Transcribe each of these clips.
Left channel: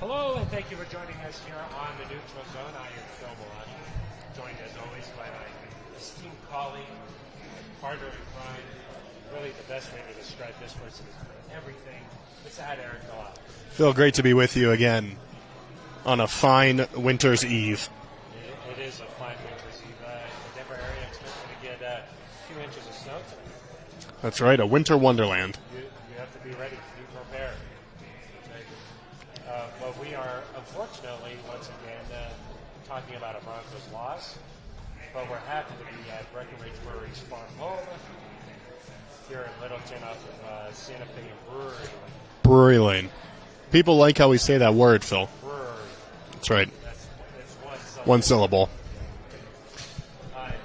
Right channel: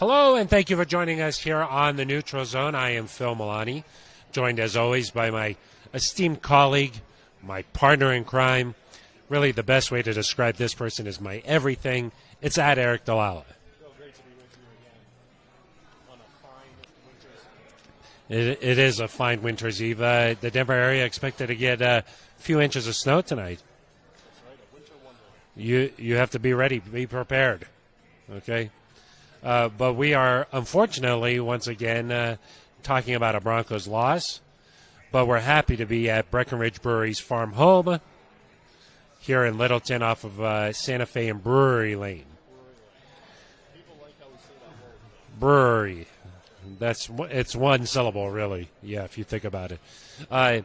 Hello, and thank you for joining us here on the Neutral Zone. I am Phil Milani, joined as always by my esteemed colleague, my partner in crime. Really, the best way to describe this person is my everything. It's at Aric DiLalla. Phil, great to be with you again on a fine winter's eve. It is a fine winter's eve. The Denver area expected to get a few inches of snow tonight. That's right, a winter wonderland. You have to be ready, be prepared. Okay? But we are, unfortunately, once again, talking about a Broncos loss. But we're happy to be at Breckenridge Brewery's farm home here in Littleton off of Santa Fe and Brewery Lane. Brewery Lane. People like how we say that word, Phil. Brewery. That's right. It's one syllable. One syllable. Really. Yeah, if you think about it.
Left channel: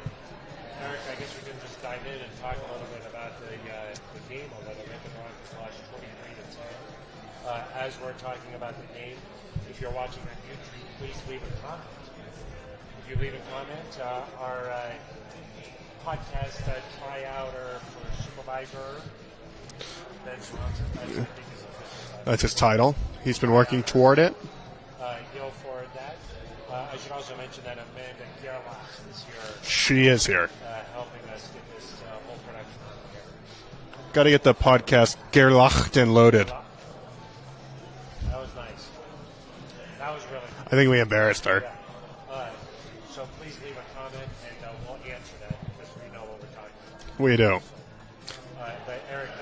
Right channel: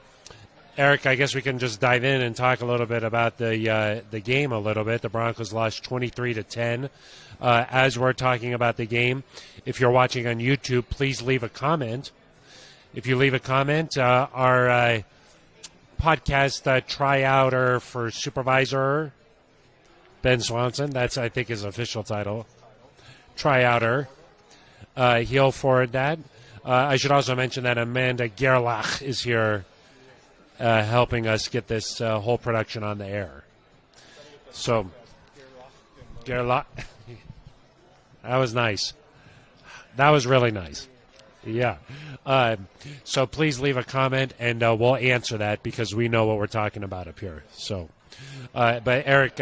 Aric, I guess we can just dive in and talk a little bit about the game a little bit. The Broncos lost 23-10. As we're talking about the game, if you're watching on YouTube, please leave a comment. If you leave a comment, our podcast tryouter for supervisor, Ben Swanson, that's, I think, his official title. That's his title. He's been working toward it. He'll forward that. I should also mention that Amanda Gerlach is here. She is here. Helping us get this whole production on the air. Got to get the podcast Gerlach and loaded. That was nice. That was really nice. I think we embarrassed her. Yeah. So please leave a comment, and we'll answer that because we know what we're talking about. We do. So, but Aric,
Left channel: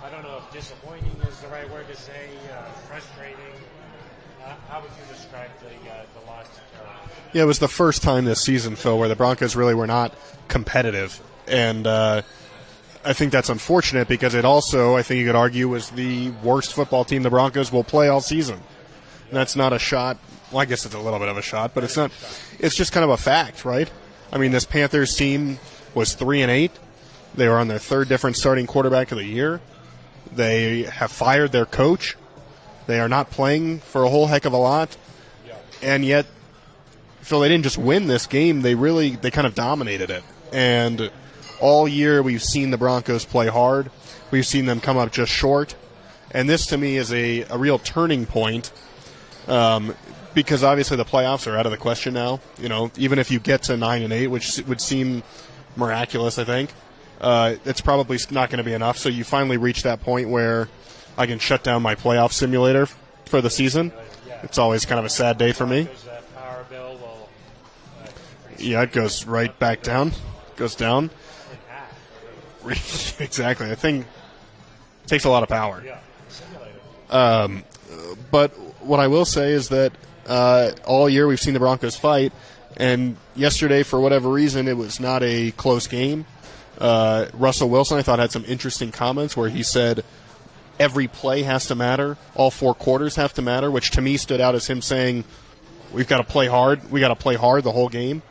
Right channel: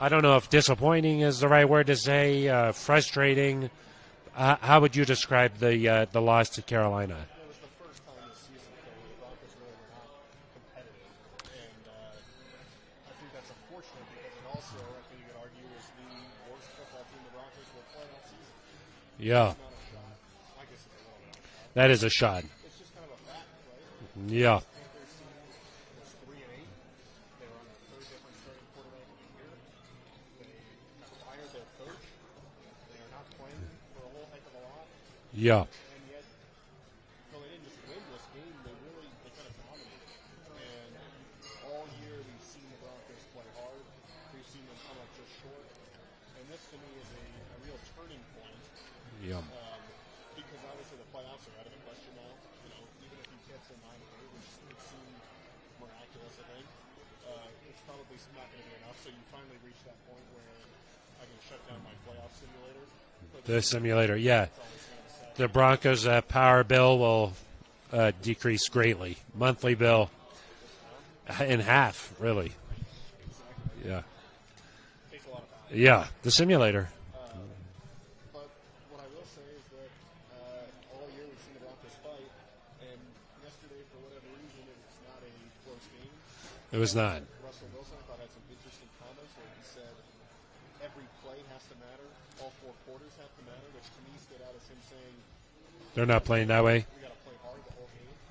I don't know if disappointing is the right word to say. Frustrating. How would you describe the loss to Carolina? Yeah, it was the first time this season, Phil, where the Broncos really were not competitive, and I think that's unfortunate because it also, I think you could argue, was the worst football team the Broncos will play all season. Yeah. That's not a shot. Well, I guess it's a little bit of a shot, but it's not a shot. It's just kind of a fact, right? Yeah. I mean, this Panthers team was 3-8. They were on their third different starting quarterback of the year. They have fired their coach. They are not playing for a whole heck of a lot. Yeah. And yet, Phil, they didn't just win this game. They kind of dominated it. And all year we've seen the Broncos play hard. We've seen them come up just short. And this, to me, is a real turning point because obviously the playoffs are out of the question now. You know, even if you get to 9-8, which would seem miraculous, I think, it's probably not going to be enough. So you finally reach that point where I can shut down my playoff simulator for the season. Simulator, yeah. It's always kind of a sad day for me. The Broncos' power bill will decrease. Yeah, it goes right back down. Goes down in half, really. Exactly. I think it takes a lot of power. Yeah, the simulator. But what I will say is that all year we've seen the Broncos fight, and yesterday, for whatever reason, it was not a close game. Russell Wilson, I thought, had some interesting comments where he said every play has to matter, all four quarters have to matter, which to me stood out as him saying we've got to play hard. We got to play hard the whole game.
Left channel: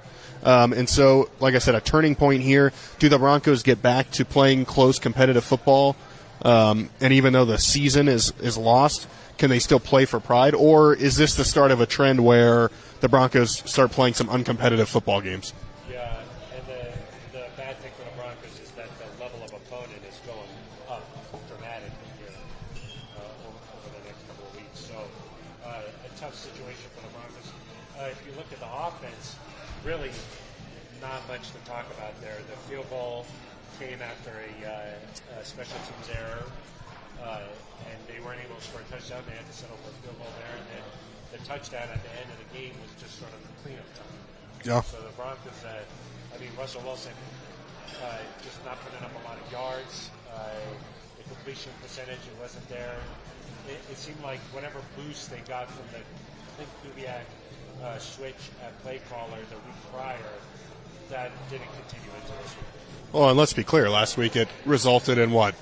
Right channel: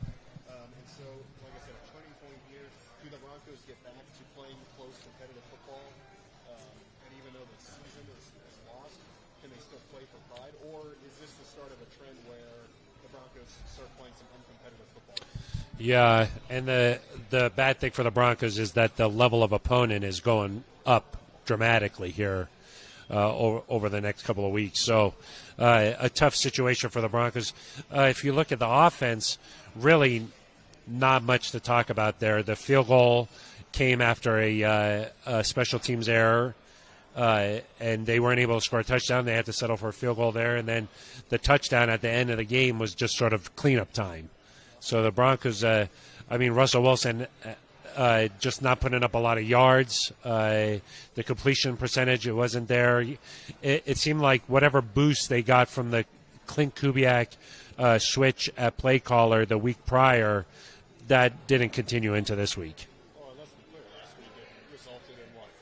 And so, like I said, a turning point here. Do the Broncos get back to playing close, competitive football? And even though the season is lost, can they still play for pride? Or is this the start of a trend where the Broncos start playing some uncompetitive football games? Yeah, and the bad thing for the Broncos is that the level of opponent is going up dramatically here over the next couple of weeks. So a tough situation for the Broncos. If you look at the offense, really not much to talk about there. The field goal came after a special teams error, and they weren't able to score a touchdown. They had to settle for a field goal there, and then the touchdown at the end of the game was just sort of cleanup time. Yeah. So the Broncos, Russell Wilson just not putting up a lot of yards. The completion percentage, it wasn't there. It seemed like whatever boost they got from the Clint Kubiak switch at play caller the week prior, that didn't continue into this week. Well, and let's be clear, last week it resulted in what?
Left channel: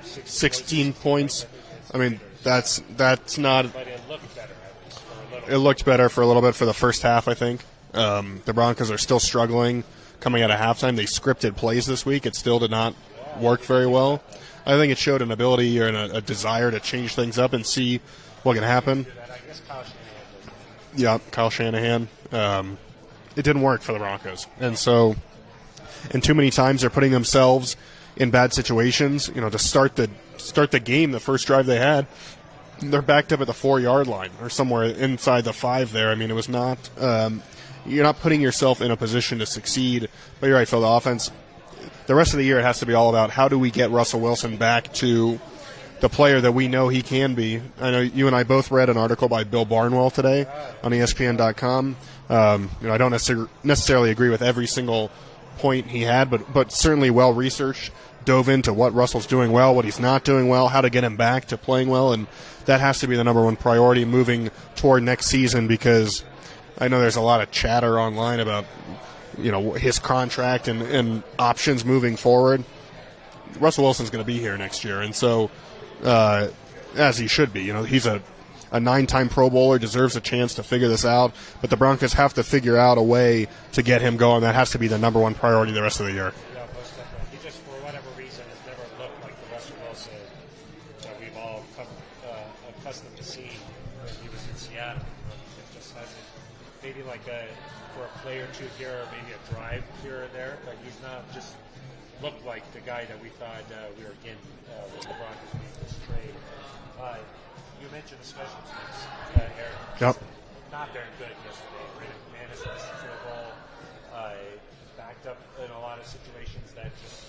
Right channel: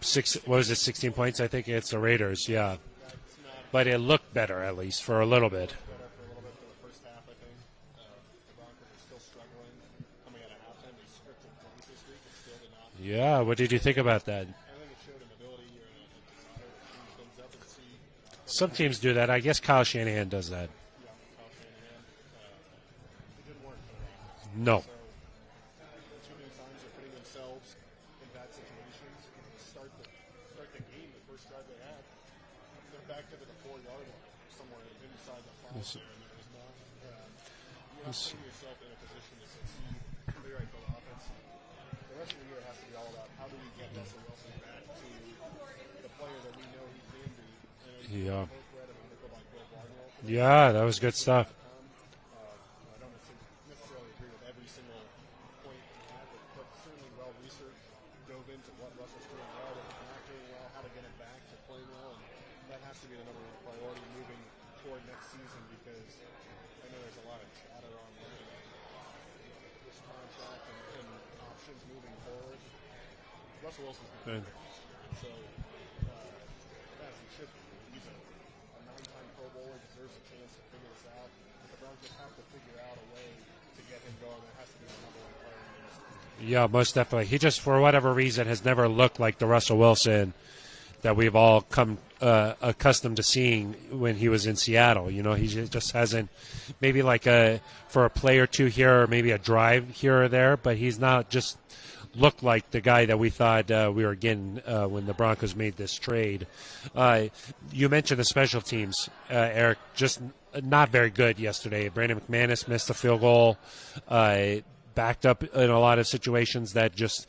16 points. I think it's the I mean, Raiders. That's not. But it looked better, at least, for a little bit. It looked better for a little bit for the first half, I think. The Broncos are still struggling coming out of halftime. They scripted plays this week. It still did not work very well. About that? I think it showed an ability or a desire to change things up and see what can happen. Some teams do that. I guess Kyle Shanahan does that. Yeah, Kyle Shanahan. It didn't work for the Broncos. No. And too many times they're putting themselves in bad situations. You know, to start the game, the first drive they had, they're backed up at the 4-yard line or somewhere inside the 5 there. I mean, it was not you're not putting yourself in a position to succeed. But you're right, Phil, the offense, the rest of the year it has to be all about how do we get Russell Wilson back to the player that we know he can be. I know you and I both read an article by Bill Barnwell today on ESPN.com. I don't necessarily agree with every single point he had, but certainly well researched, dove into what Russell's doing well, what he's not doing well, how to get him back to playing well, and that has to be the number one priority moving toward next season, because I know there's a lot of chatter online about his contract and options moving forward. Russell Wilson's going to be here next year, and so as he should be. He's a 9-time Pro Bowler, deserves a chance to figure this out, but the Broncos have to figure out a way to get him going. That has to be the number one priority the rest of the year. Yeah, most definitely. He just, for whatever reason, has never looked like the Russell Wilson that we've all come accustomed to seeing when he was in Seattle. He just hasn't, maybe for a play or two here, or maybe a drive here or there, but he's not just looked like the guy that we thought we were getting when the Broncos made this trade. You mentioned the special teams, Eric, just not very good yesterday. Brandon McManus missed a field goal, backed up in a lot of situations that just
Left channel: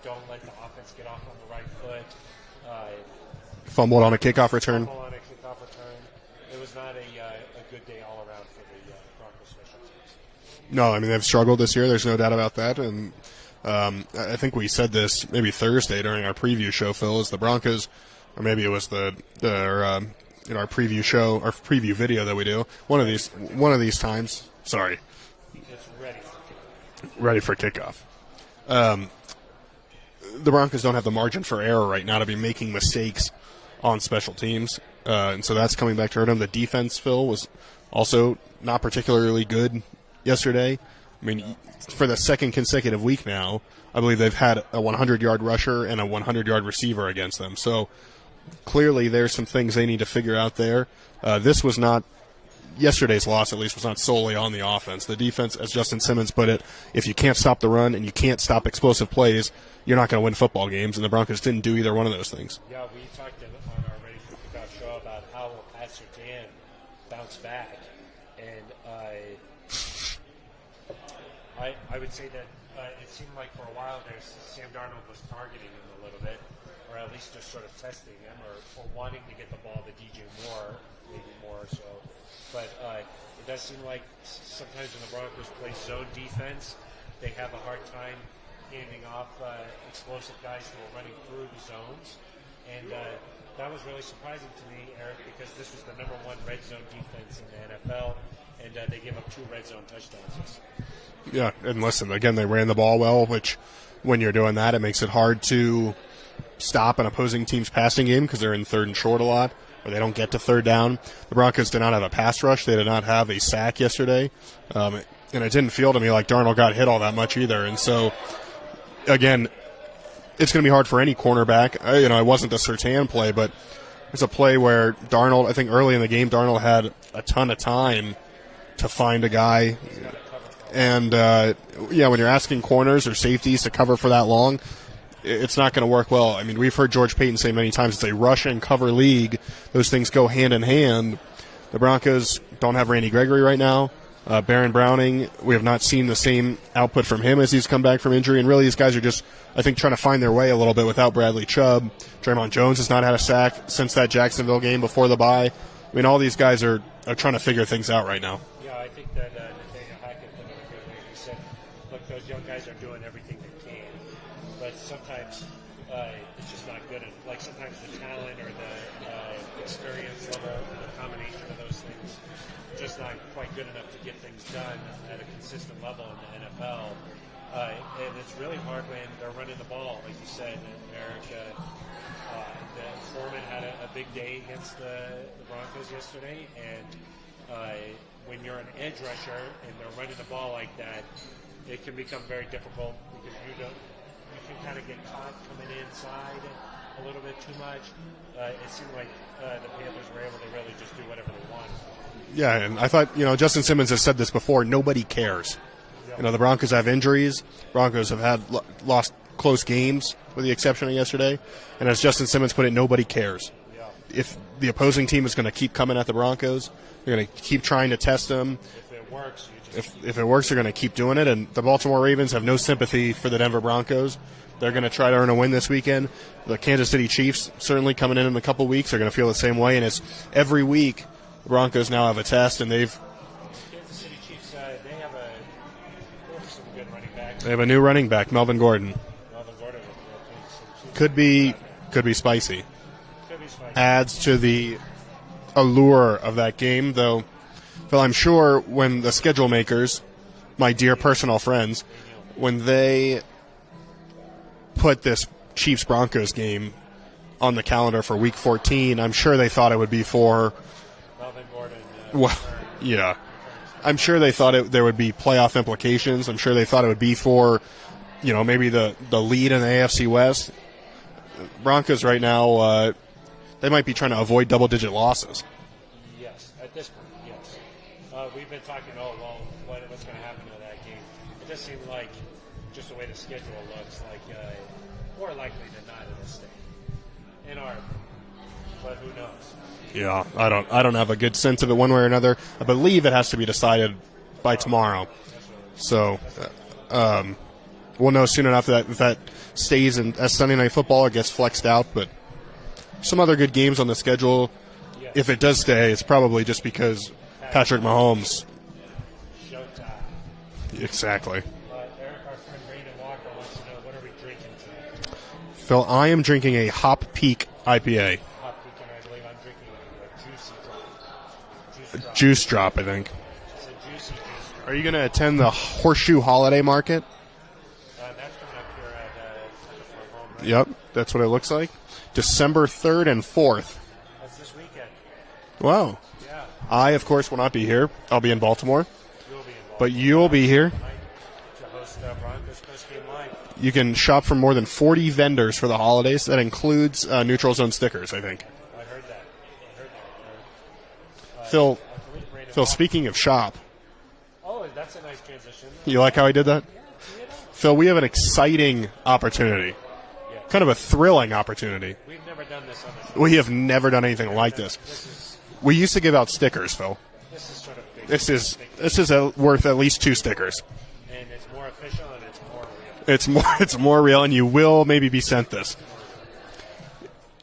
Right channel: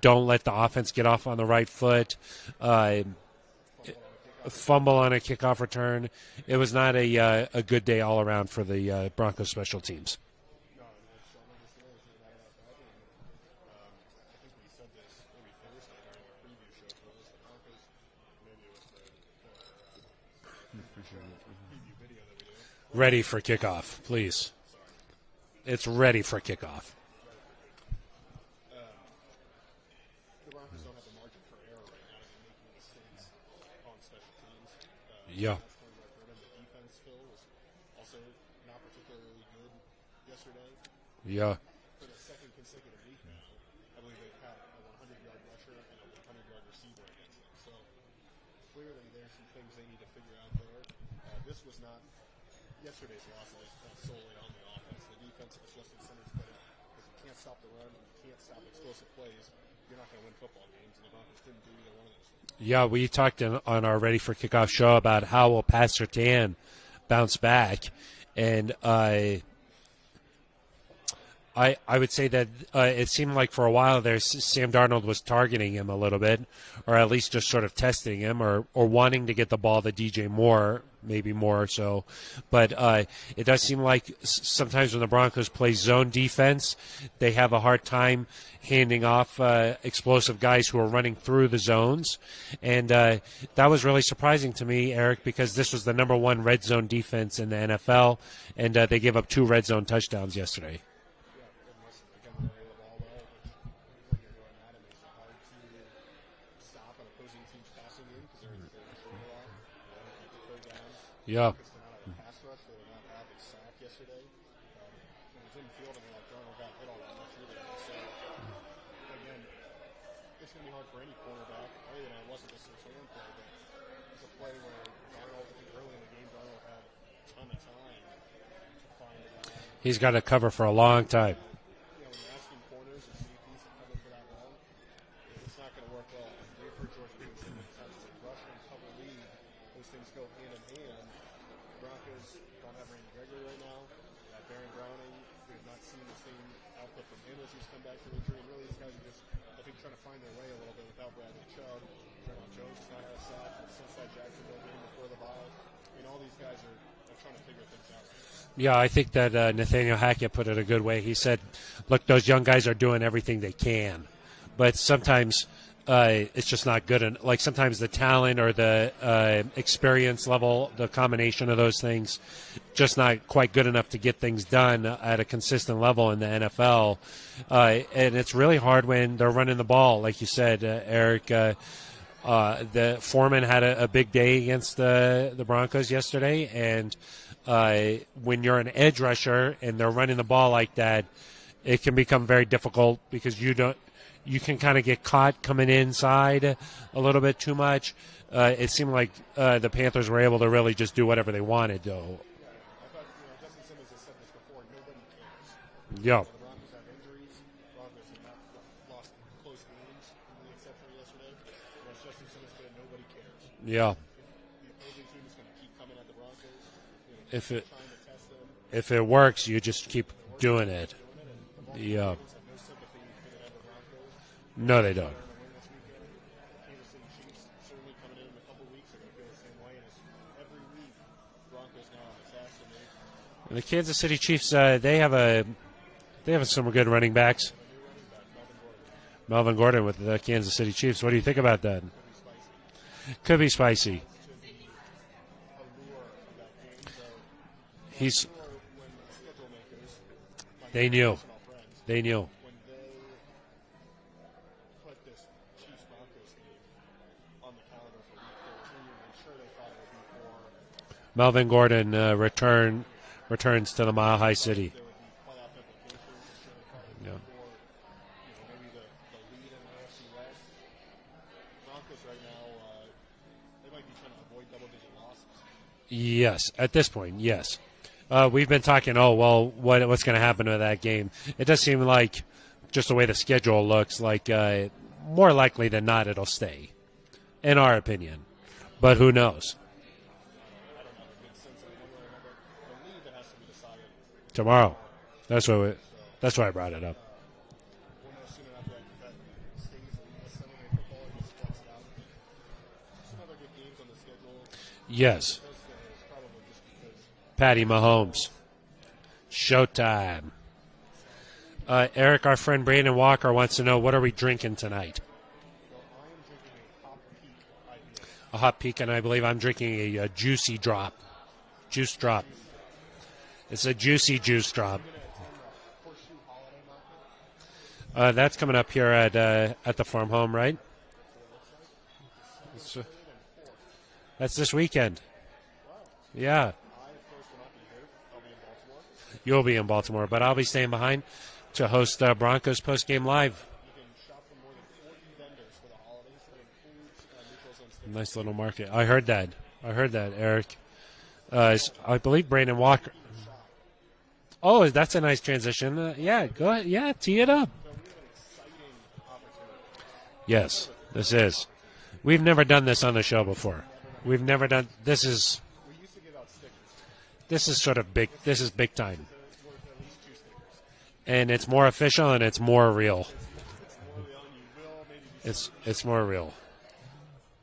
don't let the offense get off on the right foot. Fumbled on a kickoff return. It was not a good day all around for the Broncos special teams. No, I mean, they've struggled this year. There's no doubt about that. And I think we said this maybe Thursday during our preview show, Phil, is the Broncos, or maybe it was our preview show, our preview video that we do. One of these times. Please. Sorry. It's ready for kickoff. Ready for kickoff. The Broncos don't have the margin for error right now to be making mistakes on special teams. So that's coming back to hurt them. The defense, Phil, was also not particularly good yesterday. I mean, for the second consecutive week now, I believe they've had a 100-yard rusher and a 100-yard receiver against them. So clearly there's some things they need to figure out there. This was not – yesterday's loss, at least, was not solely on the offense. The defense, as Justin Simmons put it, if you can't stop the run and you can't stop explosive plays, you're not going to win football games, and the Broncos didn't do either one of those things. Yeah, we talked on our Ready for Kickoff show about how will Pat Surtain bounce back, and I would say that it seemed like for a while there Sam Darnold was targeting him a little bit, or at least just sort of testing him or wanting to get the ball to DJ Moore, maybe more so. But it does seem like sometimes when the Broncos play zone defense, they have a hard time handing off explosive guys who are running through the zones. And that was really surprising to me, Eric, because this was the number one red zone defense in the NFL, and they gave up 2 red zone touchdowns yesterday. Yeah, and listen, again, they ran the ball well, which when you're doing that, it makes it hard to stop an opposing team's passing game because they're in third and short a lot, or they don't get to third down. The Broncos did not have a pass rush. They did not have a sack yesterday. And it didn't feel to me like Darnold got hit all that much either. And so, again, it's going to be hard for any cornerback. It wasn't the Surtain play, but it's a play where Darnold, I think early in the game, Darnold had a ton of time to find a guy. He's got to cover for a long time. And, when you're asking corners or safeties to cover for that long, it's not going to work well. I mean, we've heard George Payton say many times it's a rush and cover league. Those things go hand in hand. The Broncos don't have Randy Gregory right now. Baron Browning, we have not seen the same output from him as he's come back from injury. And really, these guys are just, I think, trying to find their way a little bit without Bradley Chubb. Draymond Jones has not had a sack since that Jacksonville game before the bye. I mean, all these guys are trying to figure things out right now. Yeah, I think that Nathaniel Hackett put it a good way. He said, look, those young guys are doing everything they can. But sometimes it's just not good. And like sometimes the talent or the experience level, the combination of those things, just not quite good enough to get things done at a consistent level in the NFL. And it's really hard when they're running the ball, like you said, Eric. The Foreman had a big day against the Broncos yesterday, and when you're an edge rusher and they're running the ball like that, it can become very difficult because you can kind of get caught coming inside a little bit too much. It seemed like the Panthers were able to really just do whatever they wanted, though. Yeah, and I thought, Justin Simmons has said this before, nobody cares. Yeah. The Broncos have injuries. Broncos have had lost close games with the exception of yesterday. And as Justin Simmons put it, nobody cares. Yeah. If the opposing team is going to keep coming at the Broncos. They're going to keep trying to test them. If it works, you just keep. If it works, you're going to keep doing it. And the Baltimore Ravens have no sympathy for the Denver Broncos. They're going to try to earn a win this weekend. The Kansas City Chiefs, certainly coming in a couple weeks, are going to feel the same way. And it's every week the Broncos now have a test, and the Kansas City Chiefs, they have some good running backs. They have a new running back, Melvin Gordon. Melvin Gordon with the Kansas City Chiefs. What do you think about that? Could be spicy. Could be spicy. Adds to the allure of that game, though. Phil, I'm sure when the schedule makers, my dear personal friends, they knew when they put this Chiefs-Broncos game on the calendar for Week 14, I'm sure they thought it would be for Melvin Gordon returns to the I'm sure they thought there would be playoff implications. I'm sure they thought it would be for, maybe the lead in the AFC West. Broncos right now, they might be trying to avoid double-digit losses. Yes, at this point, yes. We've been talking, what's going to happen to that game? It does seem like, just the way the schedule looks, like more likely than not it'll stay, in our opinion. But who knows? Yeah, I don't have a good sense of it one way or another. I believe it has to be decided by tomorrow. That's why I brought it up. We'll know soon enough if that stays as Sunday Night Football or gets flexed out. But some other good games on the schedule. Yes. If it does stay, it's probably just because Patrick Mahomes. Showtime. Exactly. Eric, our friend Brandon Walker wants to know, what are we drinking tonight? Phil, I am drinking a Hop Peak IPA. A Hop Peak, and I believe I'm drinking a Juicy Drop. Juice Drop. Juice Drop, I think. It's a Juicy Juice Drop. Are you going to attend the Horseshoe Holiday Market? That's coming up here at the farm home, right? Yep, that's what it looks like. December 3rd and 4th. That's this weekend. Wow. Yeah. I, of course, will not be here. I'll be in Baltimore. You'll be in Baltimore. But you'll be here behind to host Broncos Postgame Live. You can shop from more than 40 vendors for the holidays. That includes Neutral Zone stickers, I think. Market. I heard that, Eric. Phil, I believe Brandon Phil, Walker. Speaking of shop. Oh, that's a nice transition. You like how I did that? Yeah, tee it up. Phil, we have an exciting opportunity. Yes. Kind of a thrilling opportunity. We've never done this on the show. We have never done anything like this. We used to give out stickers, Phil. This is sort of big. This is big time. This is worth at least 2 stickers. And it's more official and it's more real. It's more real, and you will maybe be sent this. It's more real.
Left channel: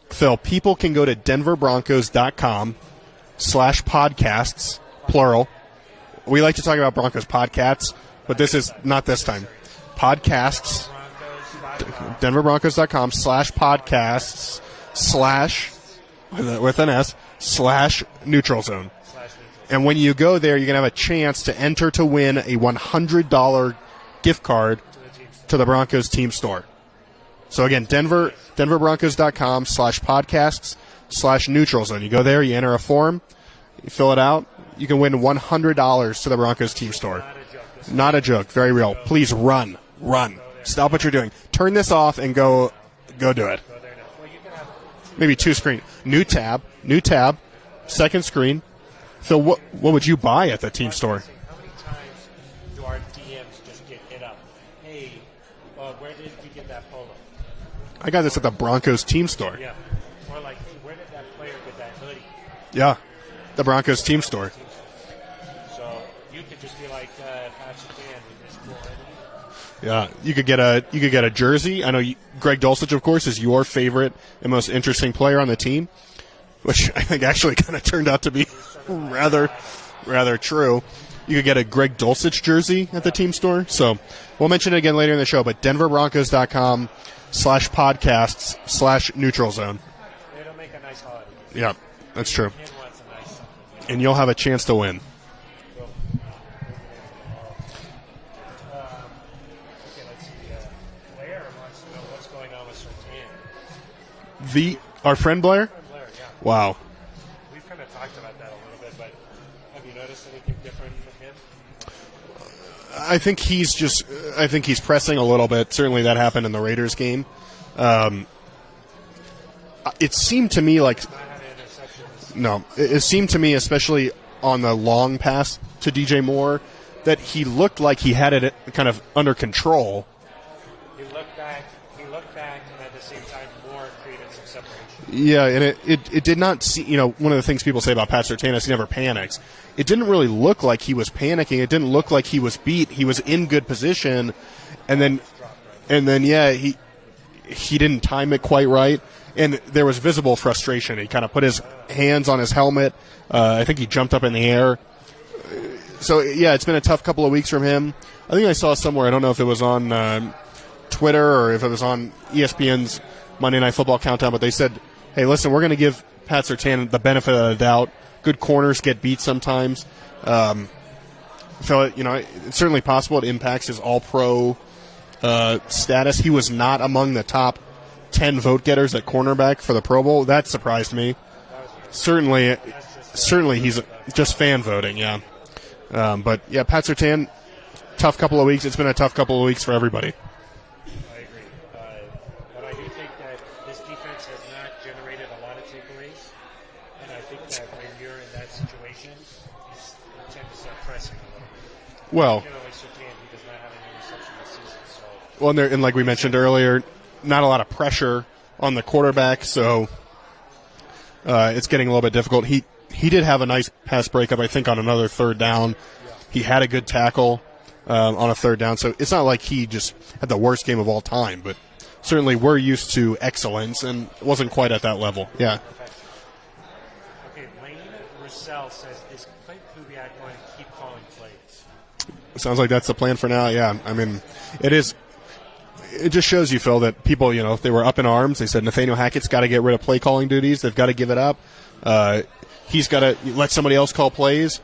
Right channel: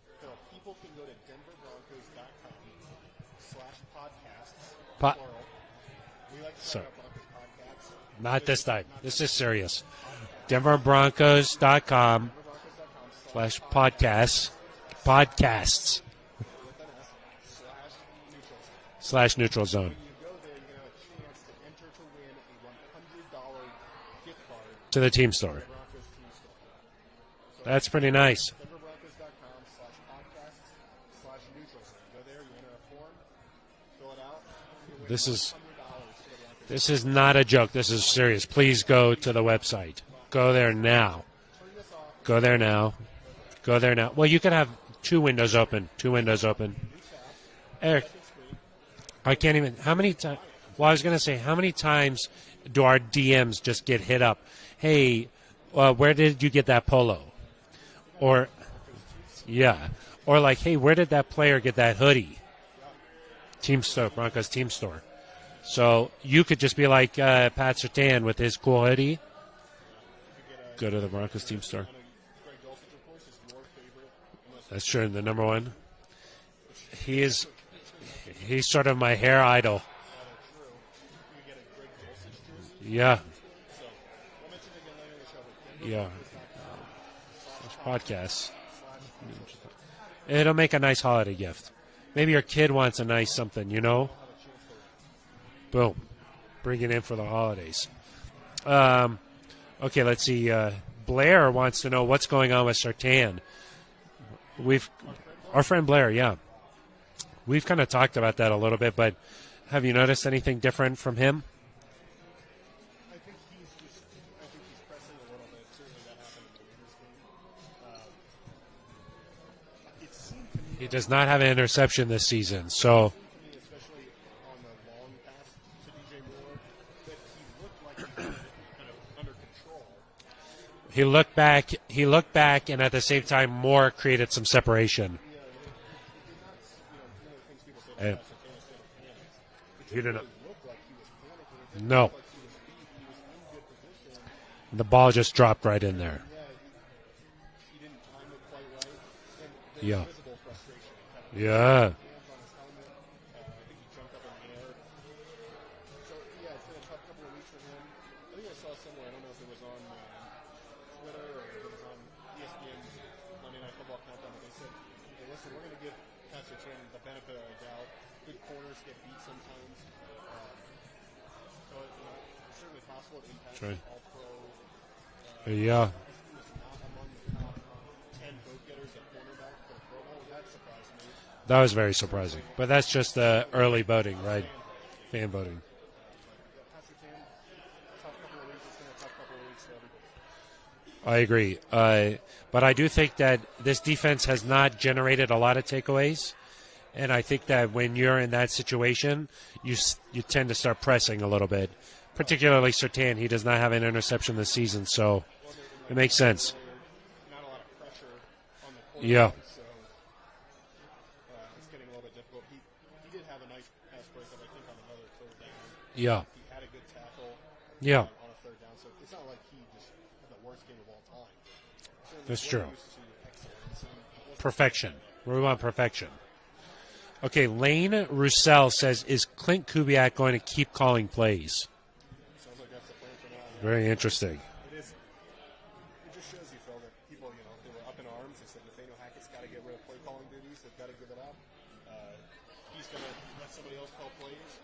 Phil, people can go to denverbroncos.com/podcasts, plural. We like to talk about Broncos podcasts, but this is not this time. Serious. Podcasts. denverbroncos.com. denverbroncos.com/podcasts with an S /Neutral Zone. /Neutral Zone. And when you go there, you're going to have a chance to enter to win a $100 gift card to the team store, to the Broncos team store. So again, denverbroncos.com/podcasts /Neutral Zone. You go there, you enter a form, you fill it out. You can win $100 to the Broncos team store. This is not a joke. This is not serious. A joke. Very real. Please run. Run. Go there. Stop what you're doing. Turn this off and go. There now. Go do it. Go there now. Well, you can have maybe two screen. New tab. Eric, second screen. So what would you buy at the team store? I was going to say, how many times do our DMs just get hit up? Hey, where did you get that polo? I got this at the Broncos team store. Yeah. Or like, hey, where did that player get that hoodie? Yeah. The Broncos team store. So you could just be like Pat Surtain with his cool hoodie. Yeah, you could get a jersey. I know Greg Dulcich, of course, is your favorite and most interesting player on the team, which I think actually kind of turned out to be. He's sort of my hair idol. Rather true. You could get a Greg Dulcich jersey at the team store. So we'll mention it again later in the show. But denverbroncos.com/podcasts /Neutral Zone. It'll make a nice holiday gift. Yeah. Maybe your kid wants a nice something, And you'll have a chance to win. Boom. Bring it in for the holidays. Okay, let's see. Blair wants to know what's going on with Surtain. Our friend Blair? Our friend Blair, yeah. Wow. We've kind of talked about that a little bit, but have you noticed anything different from him? I think he's pressing a little bit. Certainly that happened in the Raiders game. It seemed to me like he does not have an interception this season. No, it seemed to me, especially on the long pass to DJ Moore, that he looked like he had it kind of under control. He looked back, and at the same time, Moore created some separation. Yeah, and it did not see. One of the things people say about Pat Surtain is he never panics. It didn't really look like he was panicking. It didn't look like he was beat. He was in good position. The ball just dropped right in. And then he didn't time it quite right, and there was visible frustration. He kind of put his hands on his helmet. I think he jumped up in the air. So it's been a tough couple of weeks from him. I think I saw somewhere. I don't know if it was on Twitter or if it was on ESPN's Monday Night Football Countdown, but they said, hey, listen, we're going to give Pat Surtain the benefit of the doubt. Good corners get beat sometimes. So, it's certainly possible it impacts his all-pro status. He was not among the top 10 vote-getters at cornerback for the Pro Bowl. That surprised me. That was very surprising. But that's just he's voting, just fan voting, Fan voting. But, Pat Surtain, tough couple of weeks. It's been a tough couple of weeks for everybody. I agree. But I do think that this defense has not generated a lot of takeaways. And I think that when you're in that situation, you tend to start pressing a little bit. Particularly Surtain. He does not have an interception this season. So and like we mentioned earlier, not a lot of pressure on the quarterback. So it's getting a little bit difficult. He did have a nice pass breakup, I think, on another third down. Yeah. He had a good tackle on a third down. So it's not like he just had the worst game of all time, but certainly we're used to excellence and wasn't quite at that level. We're on perfection. Okay, Lane Roussel says, is Clint Kubiak going to keep calling plays? Sounds like that's the plan for now, yeah. Very interesting. It is. It just shows you, Phil, that people, they were up in arms. They said Nathaniel Hackett's got to get rid of play calling duties. They've got to give it up. He's got to let somebody else call plays.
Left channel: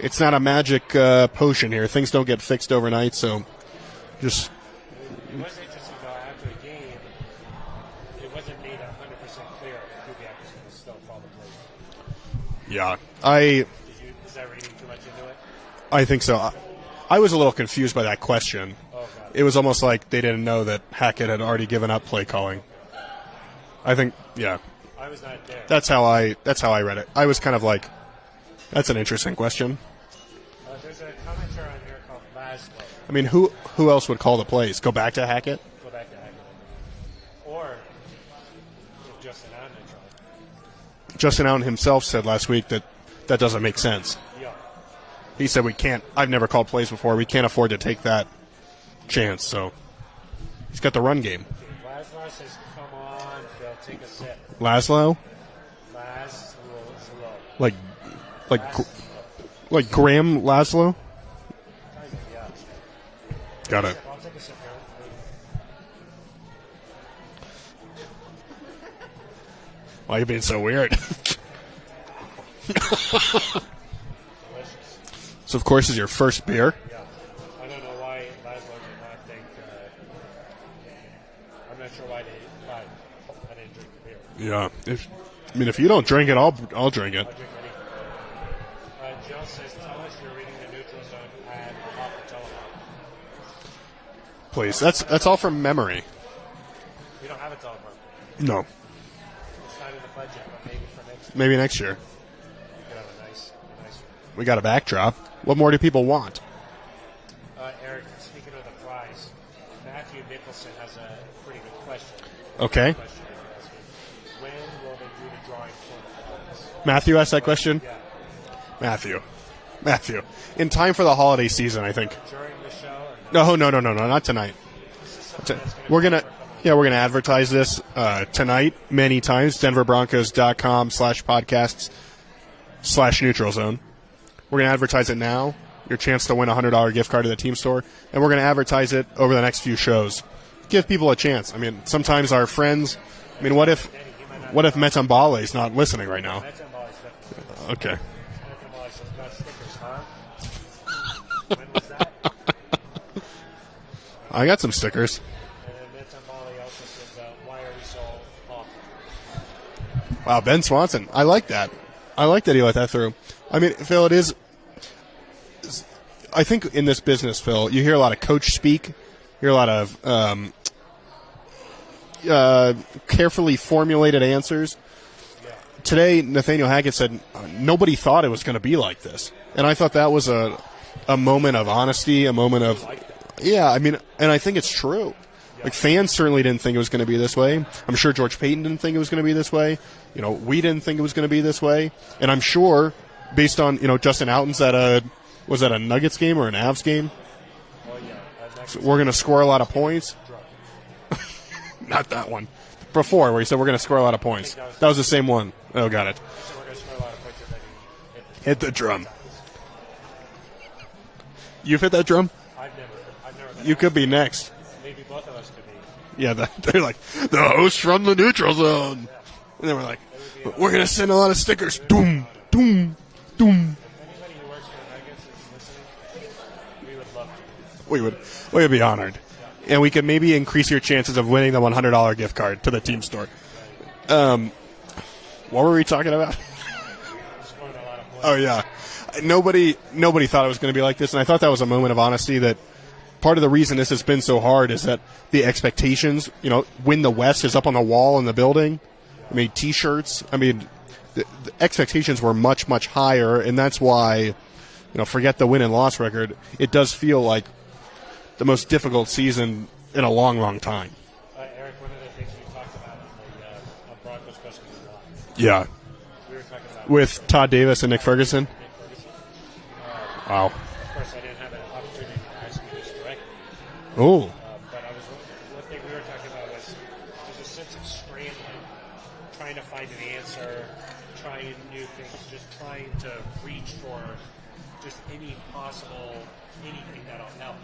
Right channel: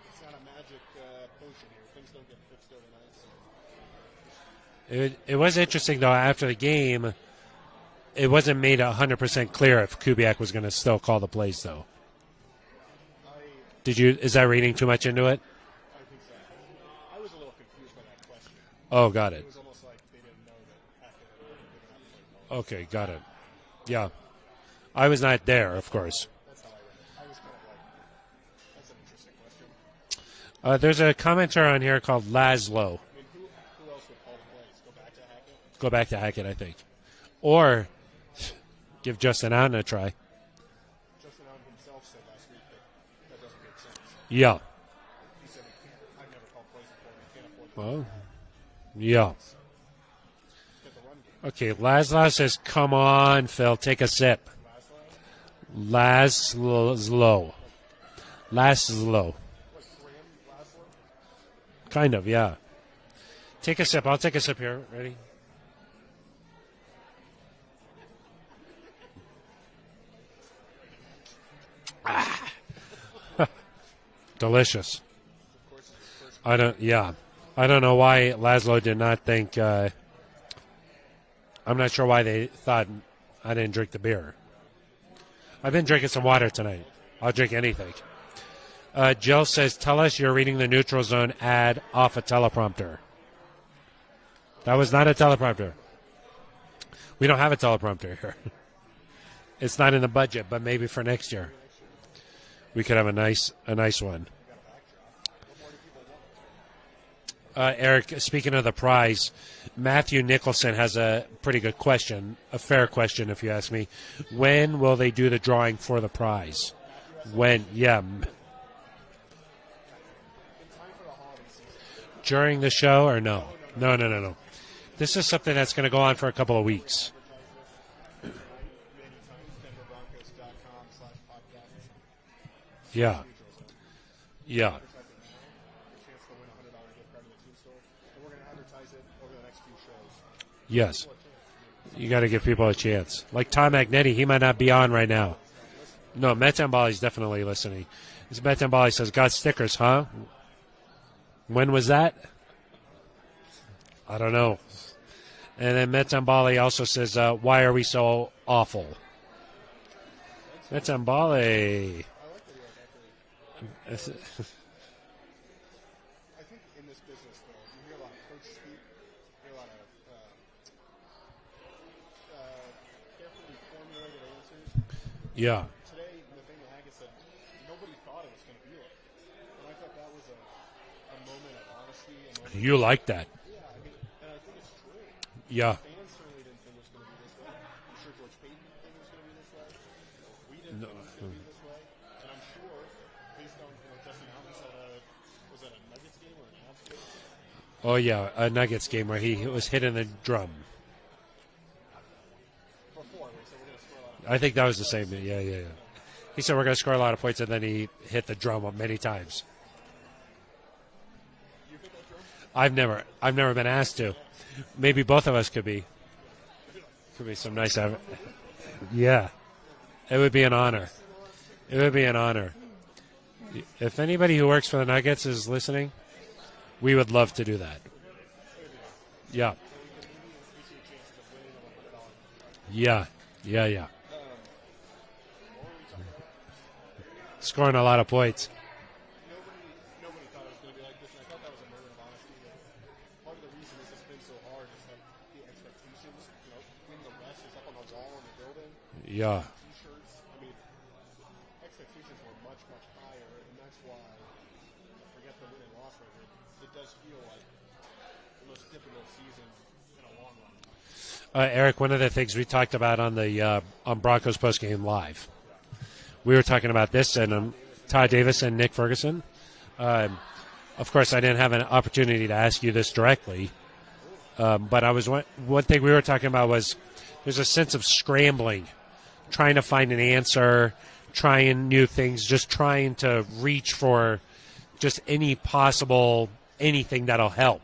It's not a magic potion here. Things don't get fixed overnight, so just... It was interesting, though, after the game, it wasn't made 100% clear if Kubiak was going to still call the plays, though. Yeah. Is that reading too much into it? I think so. I was a little confused by that question. Oh, got it. It was almost like they didn't know that Hackett had already given up play calling. Okay, got it. I think, I was not there. That's how I read it. I was kind of like, that's an interesting question. There's a commenter on here called Laszlo. I mean, who else would call the plays? Go back to Hackett? Go back to Hackett, I think. Or give Justin Allen a try. Justin Allen himself said last week that doesn't make sense. Yeah. He said, I've never called plays before. We can't afford to take that chance. So he's got the run game. Okay, Laszlo says, come on, Phil, take a sip. Laszlo? Laszlo. Like Laszlo. Like Graham Laszlo? Kind of, yeah. Take Got a it. sip. I'll take a sip here. Ready? Why are you being so weird? Delicious. So, of course, is your first beer? I don't know why Laszlo did not think. I'm not sure why they thought I didn't drink the beer. Yeah. If you don't drink it, I'll drink it. I'll drink anything. Jill says, tell us you're reading the Neutral Zone ad off a teleprompter. Please. That's all from memory. We don't have a teleprompter here. No. It's not in the budget, but maybe for next year. Maybe next year. We could have a nice one. We got a backdrop. What more do people want? Eric, speaking of the prize, Matthew Nicholson has a pretty good question, fair question if you ask me. When will they do the drawing for the prize? Matthew asked that question? Yeah. Matthew. In time for the holiday season, I think. During the show or no? No, not tonight. This is something that's going to go on for a couple of weeks. Yeah, we're going to advertise this tonight many times. DenverBroncos.com/podcasts/Neutral Zone. We're going to advertise it now. Your chance to win a $100 gift card to the team store. And we're going to advertise it over the next few shows. Give people a chance. I mean, sometimes our friends. Like Tom Magnetti, he might not be on right now. What if Metambale's not listening right now? No, Metambale's definitely listening. Okay. Metambale says, got stickers, huh? When was that? I don't know. I got some stickers. And then Metambale also says, why are we so awful? Wow, Ben Swanson. I like that. I like that he let that through. I mean, Phil, it is. I think in this business, Phil, you hear a lot of coach speak. You hear a lot of carefully formulated answers. Yeah. Today, Nathaniel Hackett said nobody thought it was going to be like this. And I thought that was a moment of honesty, a moment of... You like that. Yeah, I mean, and I think it's true. Yeah. Like, fans certainly didn't think it was going to be this way. I'm sure George Payton didn't think it was going to be this way. We didn't think it was going to be this way. And I'm sure, based on, Justin Houghton's was that a Nuggets game or an Avs game? Oh, yeah, a Nuggets We're going to score a lot of hitting points. the drum. Not that one. Before, where he said we're going to score a lot of points. I think that was the same one. Yeah. Oh, got it. He said we're going to score a lot of points, and then he hit the drum. 3 times. You've hit that drum? I've never been. You asked could be to. next. Maybe both of us could be. Yeah, they're like the host from the neutral zone. Yeah, and then we're like, it would be an honor. We're going to send a lot of stickers. It would be an honor. Doom, doom. If anybody who works for the Nuggets is listening, we would love to do that. We would be honored. Yeah, and we could maybe increase your chances of winning the $100 gift card to the team store. Yeah. What were we talking about? Scoring a lot of points. Oh yeah. Nobody thought it was going to be like this, and I thought that was a moment of honesty. That part of the reason this has been so hard is that the expectations, win the West is up on the wall in the building. Yeah. I mean, T-shirts. I mean, the expectations were much, much higher, and that's why, forget the win and loss record. It does feel like the most difficult season in a long, long time. Eric, one of the things we talked about on the on Broncos postgame live. Yeah. We were talking about with this. And, Todd Davis and Nick Ferguson. Davis and Nick Ferguson. Wow. Of course, I didn't have an opportunity to ask you this directly. Oh. But one thing we were talking about was there's a sense of scrambling, trying to find an answer, trying new things, just trying to reach for just any possible anything that'll help.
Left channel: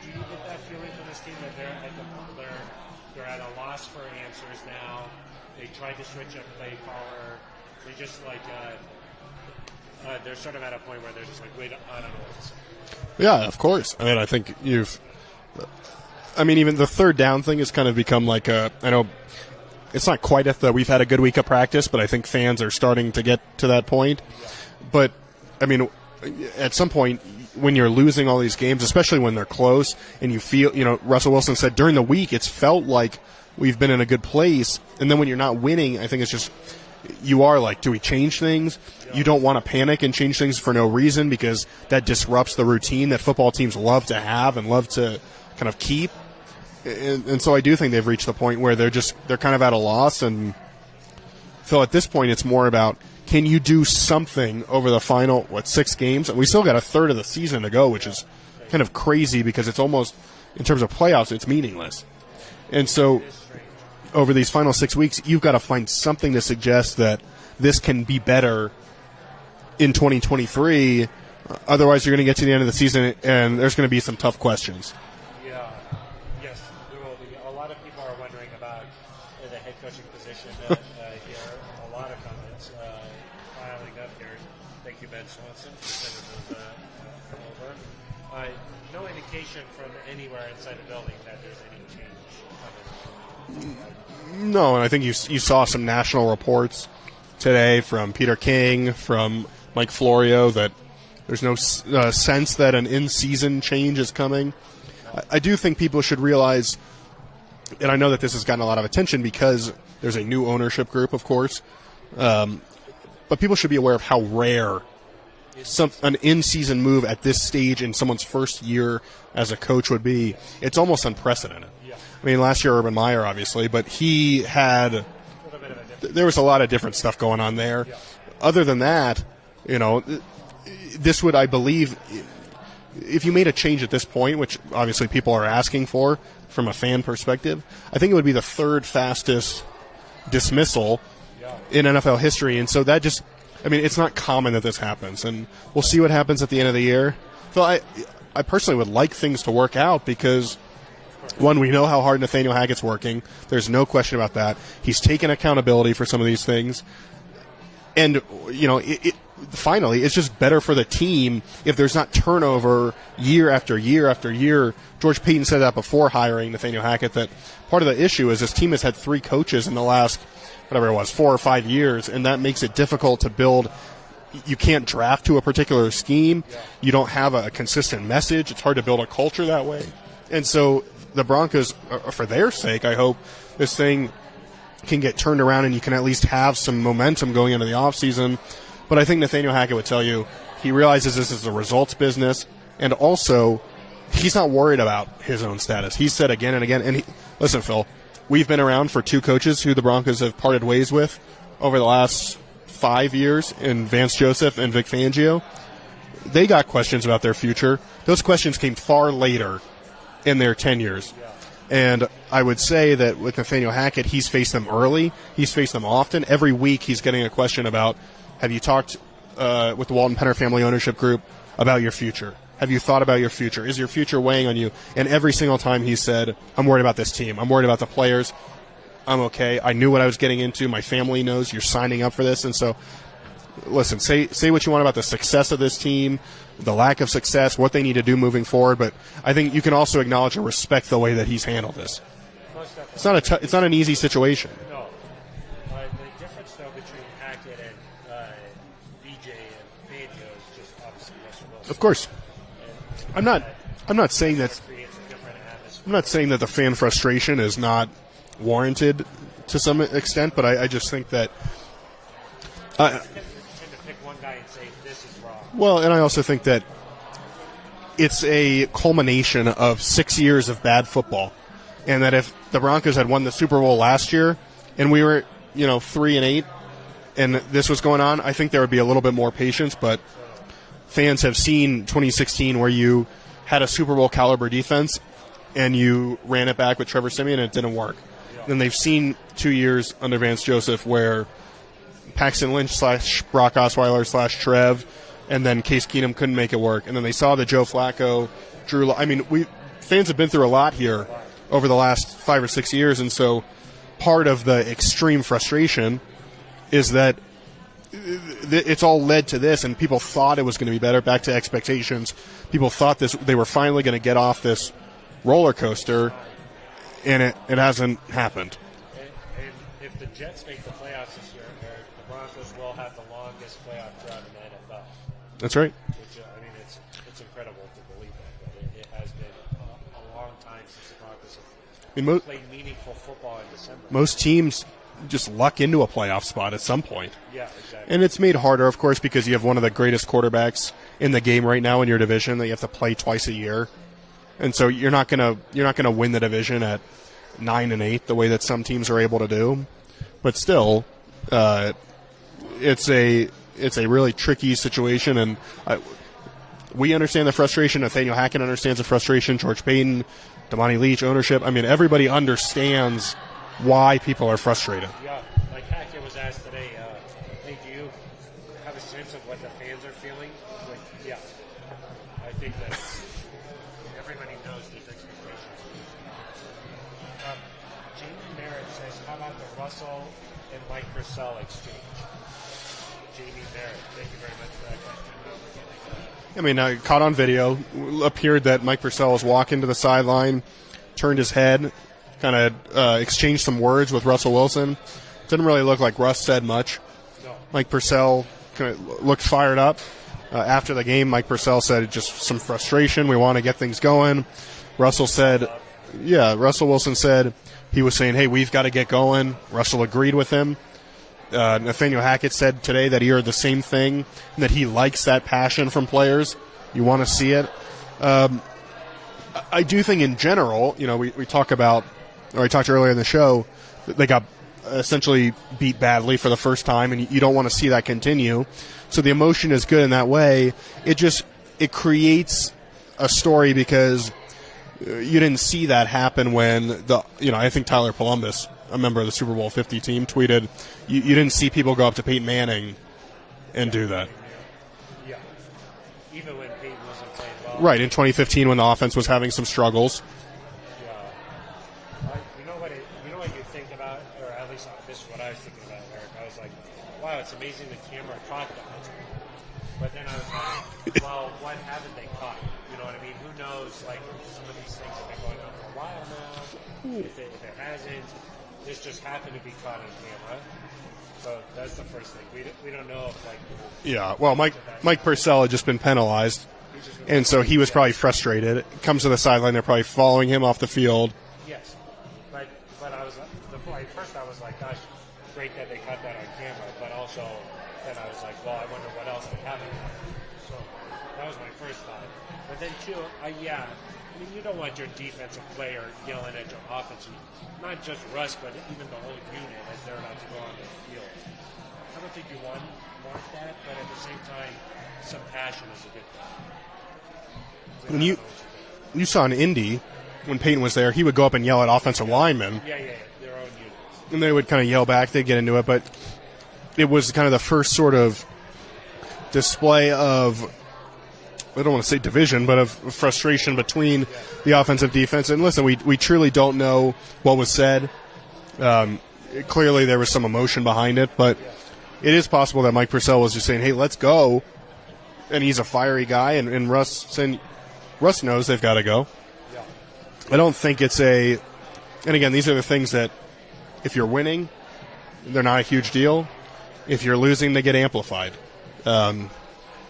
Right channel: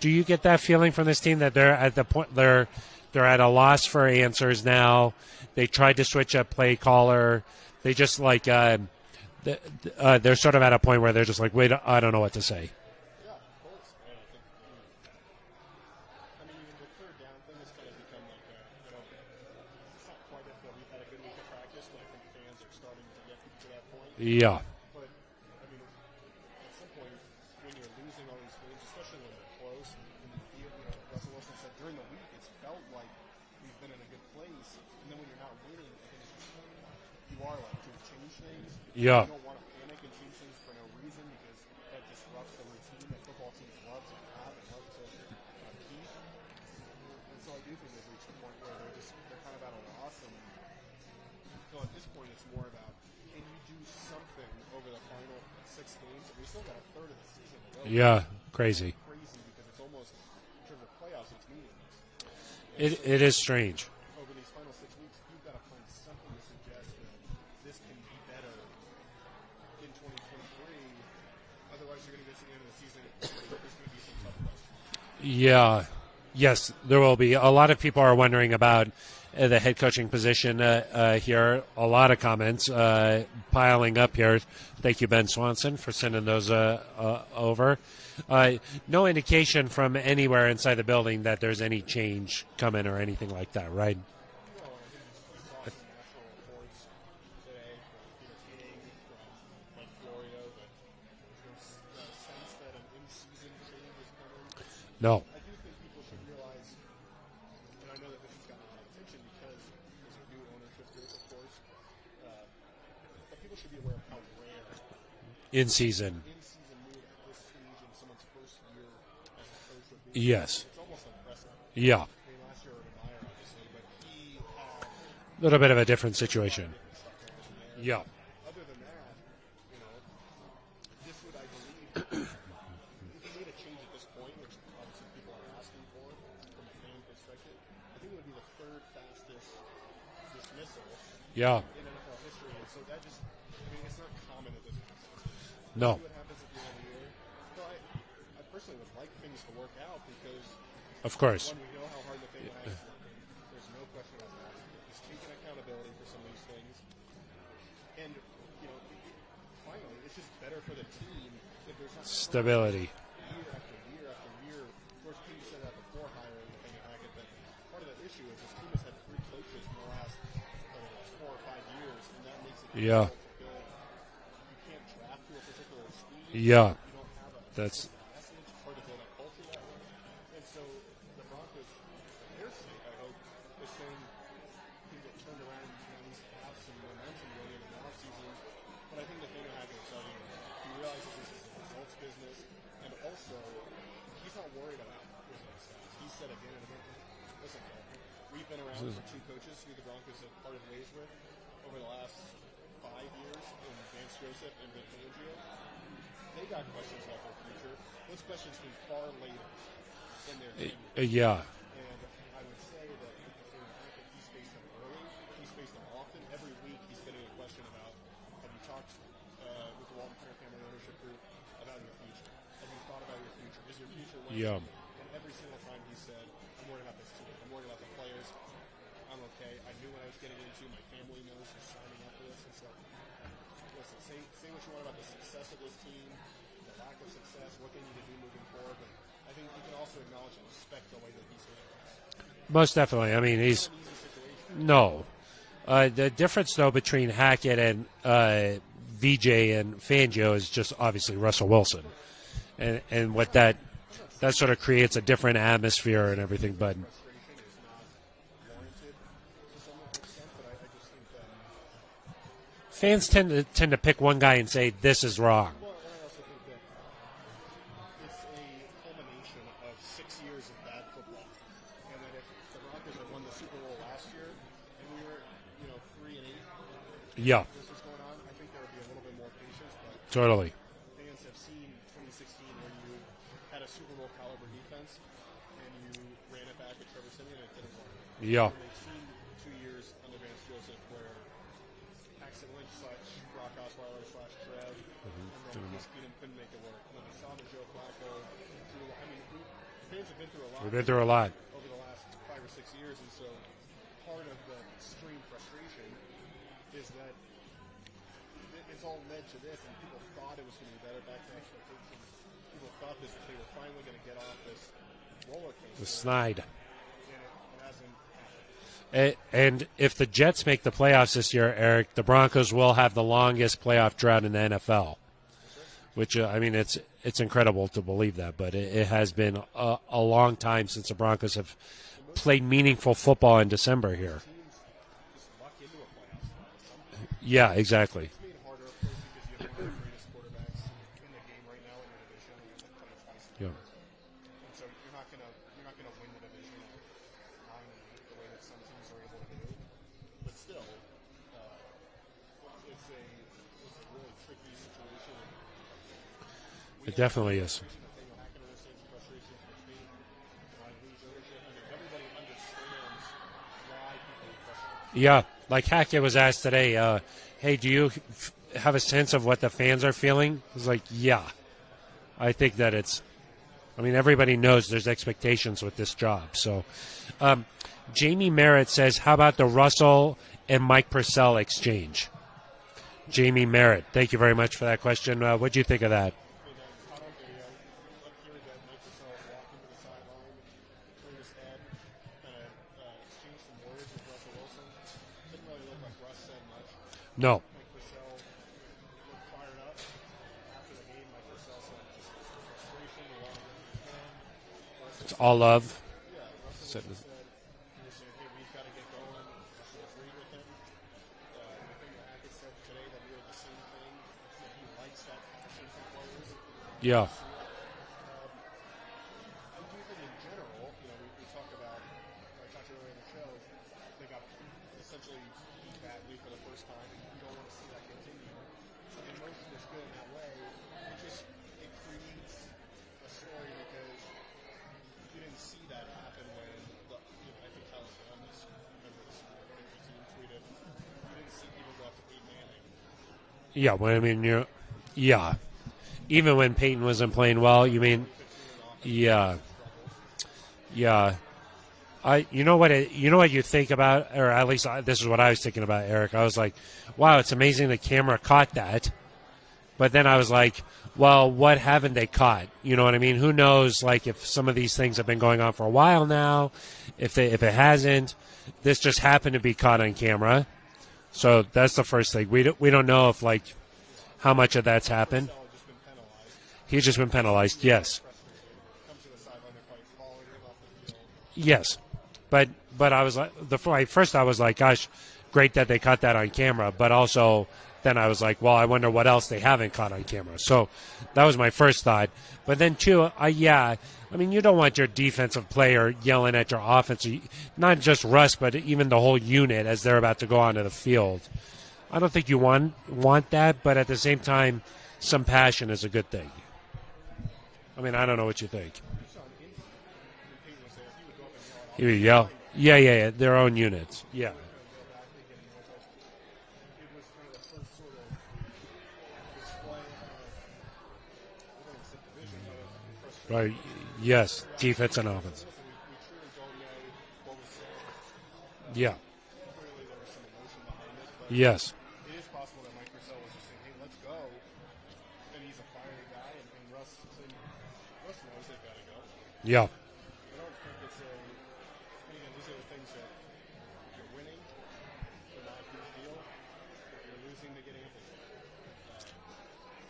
Do you get that feeling from this team that they're at the point they're at a loss for answers now? They tried to switch up play caller. They just they're sort of at a point where they're just like, wait, I don't know what to say. Yeah, of course. I mean, I think even the third down thing has kind of become I know it's not quite at we've had a good week of practice, but I think fans are starting to get to that point. Yeah. But, I mean, at some point, when you're losing all these games, especially when they're close, and you feel, Russell Wilson said during the week, it's felt like we've been in a good place. And then when you're not winning, I think it's just, you are like, do we change things? Yeah. You don't want to panic and change things for no reason because that disrupts the routine that football teams love to have and love to kind of keep. And so I do think they've reached the point where they're kind of at a loss. And Phil, at this point, it's more about, can you do something over the final, 6 games? And we still got a third of the season to go, which is crazy. Kind of crazy because it's almost, in terms of playoffs, it's meaningless. And so it is strange. Over these final 6 weeks, you've got to find something to suggest that this can be better in 2023. Otherwise, you're going to get to the end of the season, and there's going to be some tough questions. Yeah. Yes, there will be. A lot of people are wondering about the head coaching position here. A lot of comments piling up here. Thank you, Ben Swanson, for sending those over. No indication from anywhere inside the building that there's any change coming or anything like that, right? No, and I think you saw some national reports today from Peter King, from Mike Florio, that there's no sense that an in-season change is coming. No. I do think people should realize, and I know that this has gotten a lot of attention because there's a new ownership group, of course, but people should be aware of how rare an in-season move at this stage in someone's first year as a coach would be. Yes. It's almost unprecedented. Yeah. I mean, last year Urban Meyer, obviously, but he had a little bit of a different There was a lot of different stuff going on there. Yeah. Other than that, this would, I believe, if you made a change at this point, which obviously people are asking for from a fan perspective, I think it would be the third fastest dismissal in NFL history. And so that just, it's not common that this happens. And we'll see what happens at the end of the year. Phil, I personally would like things to work out because, of course, one, we know how hard Nathaniel Hackett's working. There's no question about that. He's taken accountability for some of these things. And, finally, it's just better for the team if there's not turnover year after year after year. George Payton said that before hiring Nathaniel Hackett, that part of the issue is this team has had 3 coaches in the last, 4 or 5 years, and that makes it difficult to build. You can't draft to a particular scheme. Yeah. You don't have a consistent message. It's hard to build a culture that way. And so the Broncos, for their sake, I hope this thing can get turned around and you can at least have some momentum going into the offseason. But I think Nathaniel Hackett would tell you he realizes this is a results business, and also he's not worried about his own status. He's said again and again, and listen, Phil, we've been around for 2 coaches who the Broncos have parted ways with over the last 5 years in Vance Joseph and Vic Fangio. They got questions about their future. Those questions came far later in their tenures. Yeah. And I would say that with Nathaniel Hackett, he's faced them early. He's faced them often. Every week he's getting a question about, have you talked with the Walton Penner family ownership group about your future? Have you thought about your future? Is your future weighing on you? And every single time he said, I'm worried about this team. I'm worried about the players. I'm okay. I knew what I was getting into. My family knows you're signing up for this. And so, listen, say what you want about the success of this team, the lack of success, what they need to do moving forward, but I think you can also acknowledge and respect the way that he's handled this. Most definitely. It's not an easy situation. No. The difference, though, between Hackett and VJ and Fangio is just obviously Russell Wilson. Of course. And with that, I'm not saying that sort of creates a different atmosphere. I'm not saying that the fan frustration is not warranted to some extent, but I just think that fans tend to pick one guy and say, this is wrong. Well, and I also think that it's a culmination of 6 years of bad football. And that if the Broncos had won the Super Bowl last year and we were, 3-8 and this was going on, I think there would be a little bit more patience. But totally, fans have seen 2016 where you had a Super Bowl caliber defense and you ran it back with Trevor Siemian and it didn't work. Yeah. And they've seen 2 years under Vance Joseph where Paxton Lynch / Brock Osweiler / Trev, and then Case Keenum couldn't make it work. And then they saw the Joe Flacco, Drew. Fans have been through a lot here over the last 5 or 6 years, and so part of the extreme frustration is that it's all led to this, and people thought it was going to be better. Back to expectations, people thought they were finally going to get off this roller coaster, and it hasn't happened. And if the Jets make the playoffs this year, Eric, the Broncos will have the longest playoff drought in the NFL. That's right. Which, it's incredible to believe that, but it has been a long time since the Broncos have played meaningful football in December. Most teams just luck into a playoff spot at some point. Yeah, exactly. And it's made harder, of course, because you have one of the greatest quarterbacks in the game right now in your division that you have to play twice a year. And so you're not gonna win the division at 9-8 the way that some teams are able to do, but still, it's a really tricky situation, and we understand the frustration. Nathaniel Hackett understands the frustration. George Payton, Damani Leach, ownership. Everybody understands why people are frustrated. Yeah, like Hackett was asked today, hey, do you have a sense of what the fans are feeling? He's like, yeah. I think that everybody knows there's expectations with this job, so... Jamie Merritt says, how about the Russell and Mike Purcell exchange? Jamie Merritt, thank you very much for that question. What do you think of that? Caught on video, appeared that Mike Purcell was walking to the sideline, turned his head, kind of exchanged some words with Russell Wilson. Didn't really look like Russ said much. No. Mike Purcell kind of looked fired up. After the game, Mike Purcell said just some frustration. We want to get things going. Russell said... All love. Yeah, Russell Wilson said he was saying, hey, we've got to get going. Russell agreed with him. Nathaniel Hackett said today that he heard the same thing, and that he likes that passion from players. You want to see it. I do think in general, we talk about, or I talked earlier in the show, they got essentially beat badly for the first time, and you don't want to see that continue. So the emotion is good in that way. It creates a story because you didn't see that happen when I think Tyler Columbus, a member of the Super Bowl 50 team, tweeted, you didn't see people go up to Peyton Manning and do that. Even when Peyton wasn't playing well. Right, in 2015 when the offense was having some struggles. Yeah. You know what you think about, or at least this is what I was thinking about, Eric. I was like, wow, it's amazing the camera caught that. But then I was like, well, what haven't they caught? You know what I mean? Who knows, if some of these things have been going on for a while now, if it hasn't, this just happened to be caught on camera. So that's the first thing. We don't know if, how much of that's Mike happened. Purcell had just been penalized. He's just been penalized. And so he was probably frustrated. Comes to the sideline, they're probably following him off the field. Yes. But I was like, first I was like, gosh, great that they caught that on camera. But also then I was like, well, I wonder what else they haven't caught on camera. So that was my first thought. But then, too, I mean, you don't want your defensive player yelling at your offense, not just Russ, but even the whole unit as they're about to go onto the field. I don't think you want that, but at the same time, some passion is a good thing. I mean, I don't know what you think. You saw in Indy, when Peyton was there, he would go up and yell at offensive linemen. Yeah, their own units. And they would kind of yell back. They'd get into it, but it was kind of the first sort of display of, I don't want to say division, but of frustration between the offensive defense. And listen, we truly don't know what was said. Clearly there was some emotion behind it, but it is possible that Mike Purcell was just saying, hey, let's go. And he's a fiery guy, and Russ saying, Russ knows they've got to go. Yeah. I don't think it's and again, these are the things that if you're winning, they're not a huge deal. If you're losing, they get amplified.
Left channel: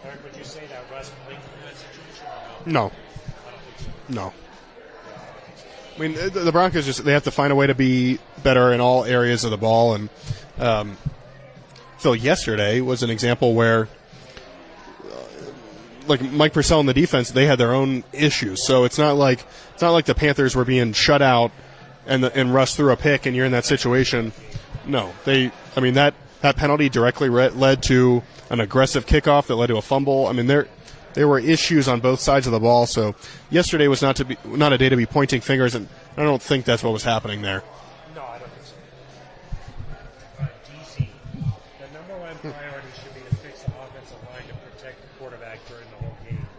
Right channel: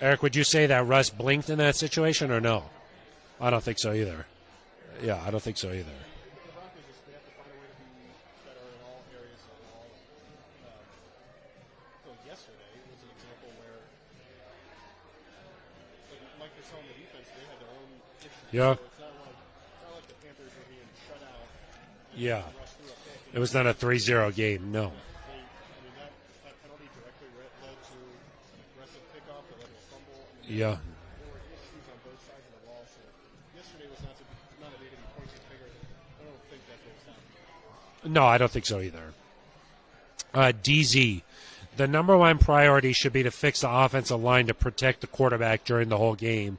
Eric, would you say that Russ blinked in that situation or no? No. I don't think so either. No. Yeah, I don't think so either. I mean, the Broncos they have to find a way to be better in all areas of the ball. And Phil, yesterday was an example where, like Mike Purcell and the defense, they had their own issues. So it's not like the Panthers were being shut out and Russ threw a pick and you're in that situation. Game. No. That penalty directly led to an aggressive kickoff that led to a fumble. I mean, there were issues on both sides of the ball. So yesterday was not a day to be pointing fingers, and I don't think that's what was happening there. No, I don't think so either. DZ, the number one priority should be to fix the offensive line to protect the quarterback during the whole game.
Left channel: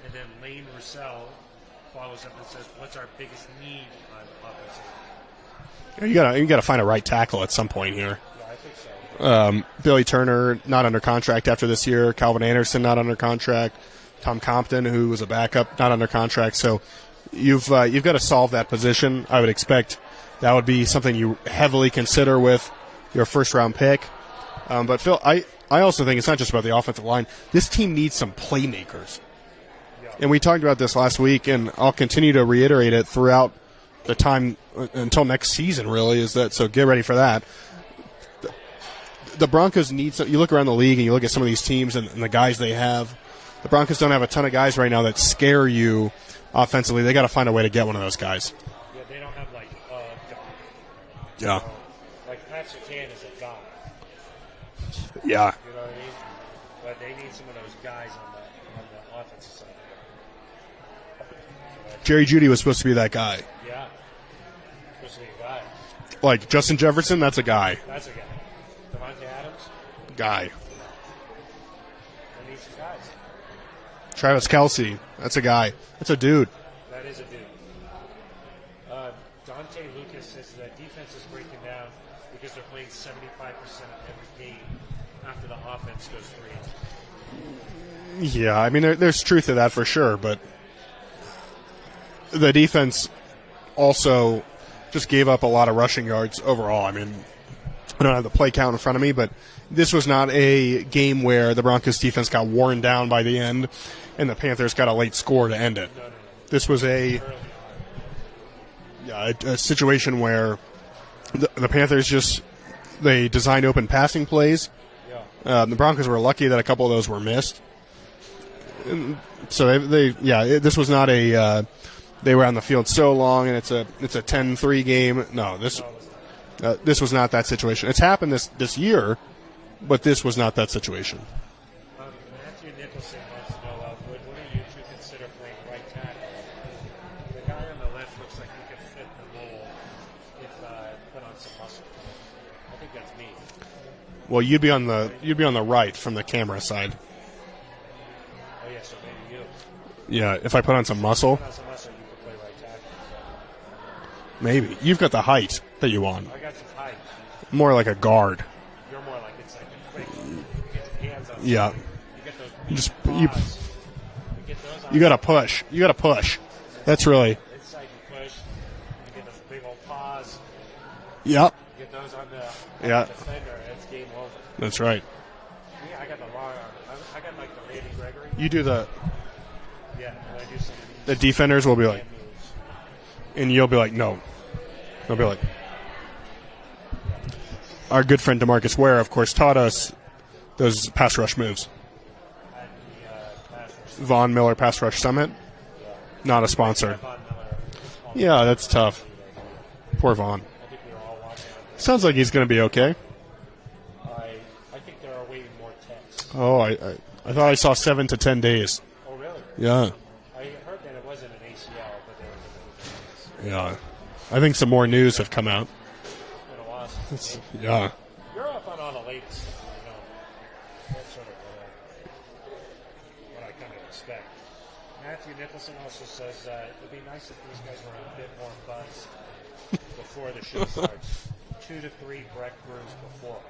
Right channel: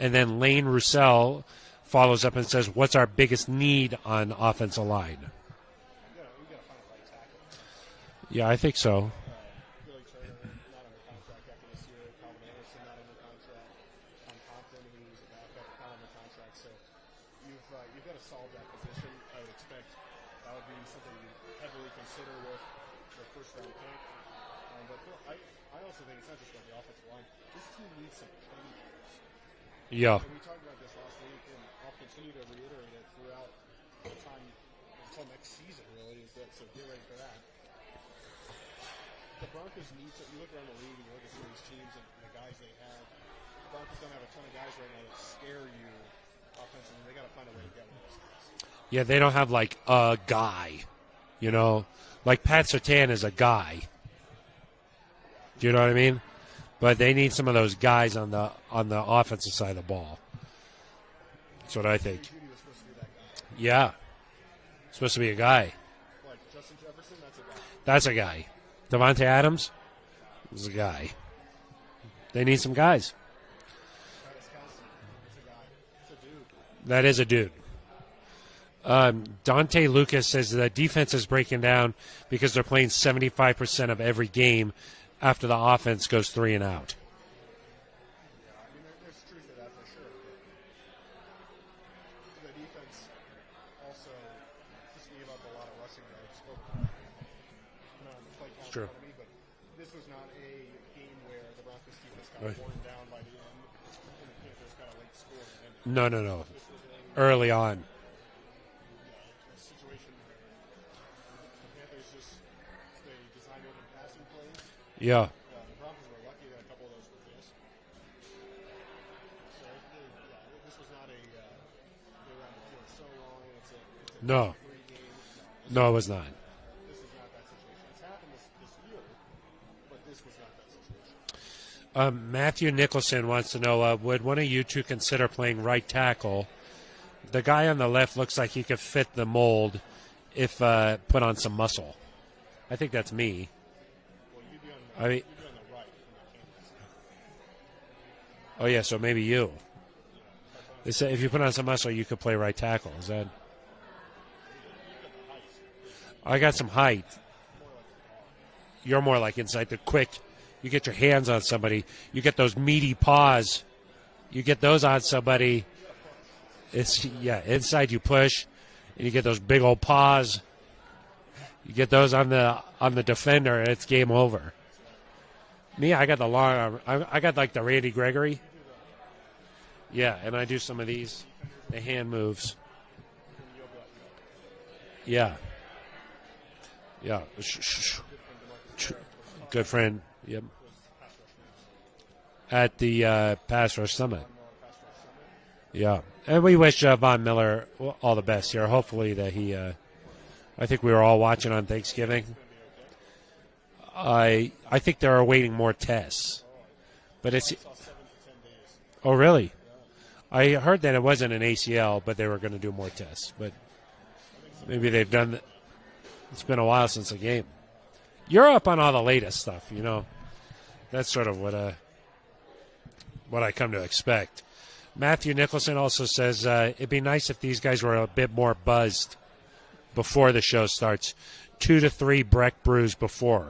And then Lane Roussel follows up and says, what's our biggest need on offensive line? You gotta find a right tackle at some point here. Yeah, I think so. Billy Turner not under contract after this year. Calvin Anderson not under contract. Tom Compton, who was a backup, not under contract. So you've got to solve that position. I would expect that would be something you heavily consider with your first round pick. But Phil, I also think it's not just about the offensive line. This team needs some playmakers. Yeah. And we talked about this last week, and I'll continue to reiterate it throughout the time until next season, really, is that. So get ready for that. The Broncos need some. You look around the league and you look at some of these teams and the guys they have. The Broncos don't have a ton of guys right now that scare you offensively. They got to find a way to get one of those guys. Yeah, they don't have like a guy. You know, like Pat Surtain is a guy. Yeah. Do you know what I mean? But they need some of those guys on the offensive side of the ball. That's what I think. Jerry Jeudy was supposed to be that guy. Yeah. Supposed to be a guy. Like Justin Jefferson, that's a guy. That's a guy. Devontae Adams? Guy. Is a guy. They need some guys. Travis Kelce, that's a guy. That's a dude. That is a dude. Dante Lucas says the defense is breaking down because they're playing 75% of every game after the offense goes 3 and out. Yeah, I mean, there's truth to that for sure, but the defense also just gave up a lot of rushing yards overall. I mean, I don't have the play count in front of me, but this was not a game where the Broncos defense got worn down by the end and the Panthers got a late score to end it. No. This was early on. A situation where the Panthers they designed open passing plays. Yeah. The Broncos were lucky that a couple of those were missed. So this was not a they were on the field so long and it's a 10-3 game. No, it was not. This was not that situation. It's happened this year, but this was not that situation. Matthew Nicholson wants to know, would one of you two consider playing right tackle? The guy on the left looks like he could fit the mold if put on some muscle. I think that's me. Well, you'd be on the right from the camera side. Oh yeah, so maybe you. Yeah, if I put on some muscle. If you put on some muscle, you could play right tackle. Is that? Maybe. You've got the height that you want. I got some height. More like a guard. You're more like inside the quick. You get your hands on somebody. Yeah. You get those meaty paws. You get those on somebody. Push. You got to push. That's really. Yeah, inside you push. You get those big old paws. Yep. You get those on the defender, and it's game over. That's right. Me, I got the long arm. I got like the Randy Gregory. You do the. Yeah, and I do some of these. The defenders will be like. Moves. And you'll be like, no. They'll be like. Yeah. Our good friend DeMarcus Ware, of course, taught us those pass rush moves. At the pass rush summit. Von Miller pass rush summit. Yeah. Not and a we wish sponsor. Von Miller all the Yeah, best that's here. tough. Hopefully that he. Poor Vaughn. I think we were all watching on Thanksgiving. Sounds like he's going to be okay. I think they're awaiting more tests. Oh, I But thought I saw 7 to 10 days. Oh, really? Yeah. I heard that it wasn't an ACL, but they were going to do more tests. But Yeah. I think some more Maybe they've news done- have come out. It's been a while since the game. Yeah. You're up on all the latest stuff, That's sort of what I come to expect. Matthew Nicholson also says it'd be nice if these guys were a bit more buzzed before the show starts. 2 to 3 Breck brews before.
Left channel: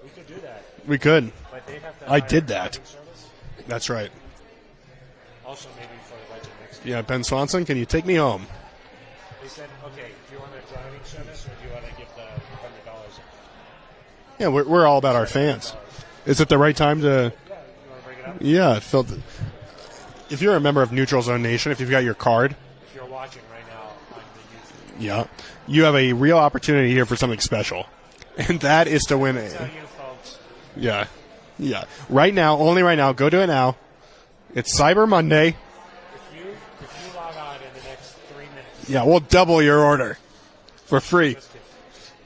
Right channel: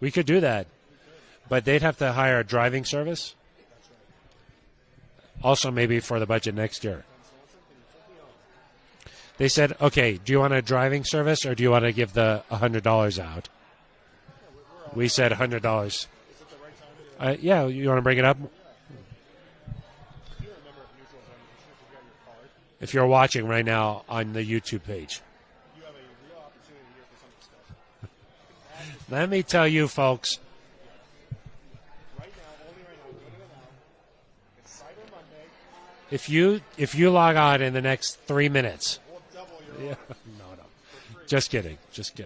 We could do that, We could. but they'd have to I hire a did that. driving service. That's right. Also, maybe for the budget next year. Yeah, Ben Swanson, can you take me home? They said, okay, do you want a driving service or do you want to give the $100 out? Yeah, we're all We about our said fans. $100. Is it the right time to... Yeah, you want to bring it up? Yeah, Phil. If you're a member of Neutral Zone Nation, if you've got your card, If you're watching right now on the YouTube page. you have a real opportunity here for something special. And that is to Let win me it. tell you, folks. Yeah. Right now, only right now, go do it now. It's Cyber Monday. If you log on in the next 3 minutes. Yeah, we'll double your order for free. Just kidding.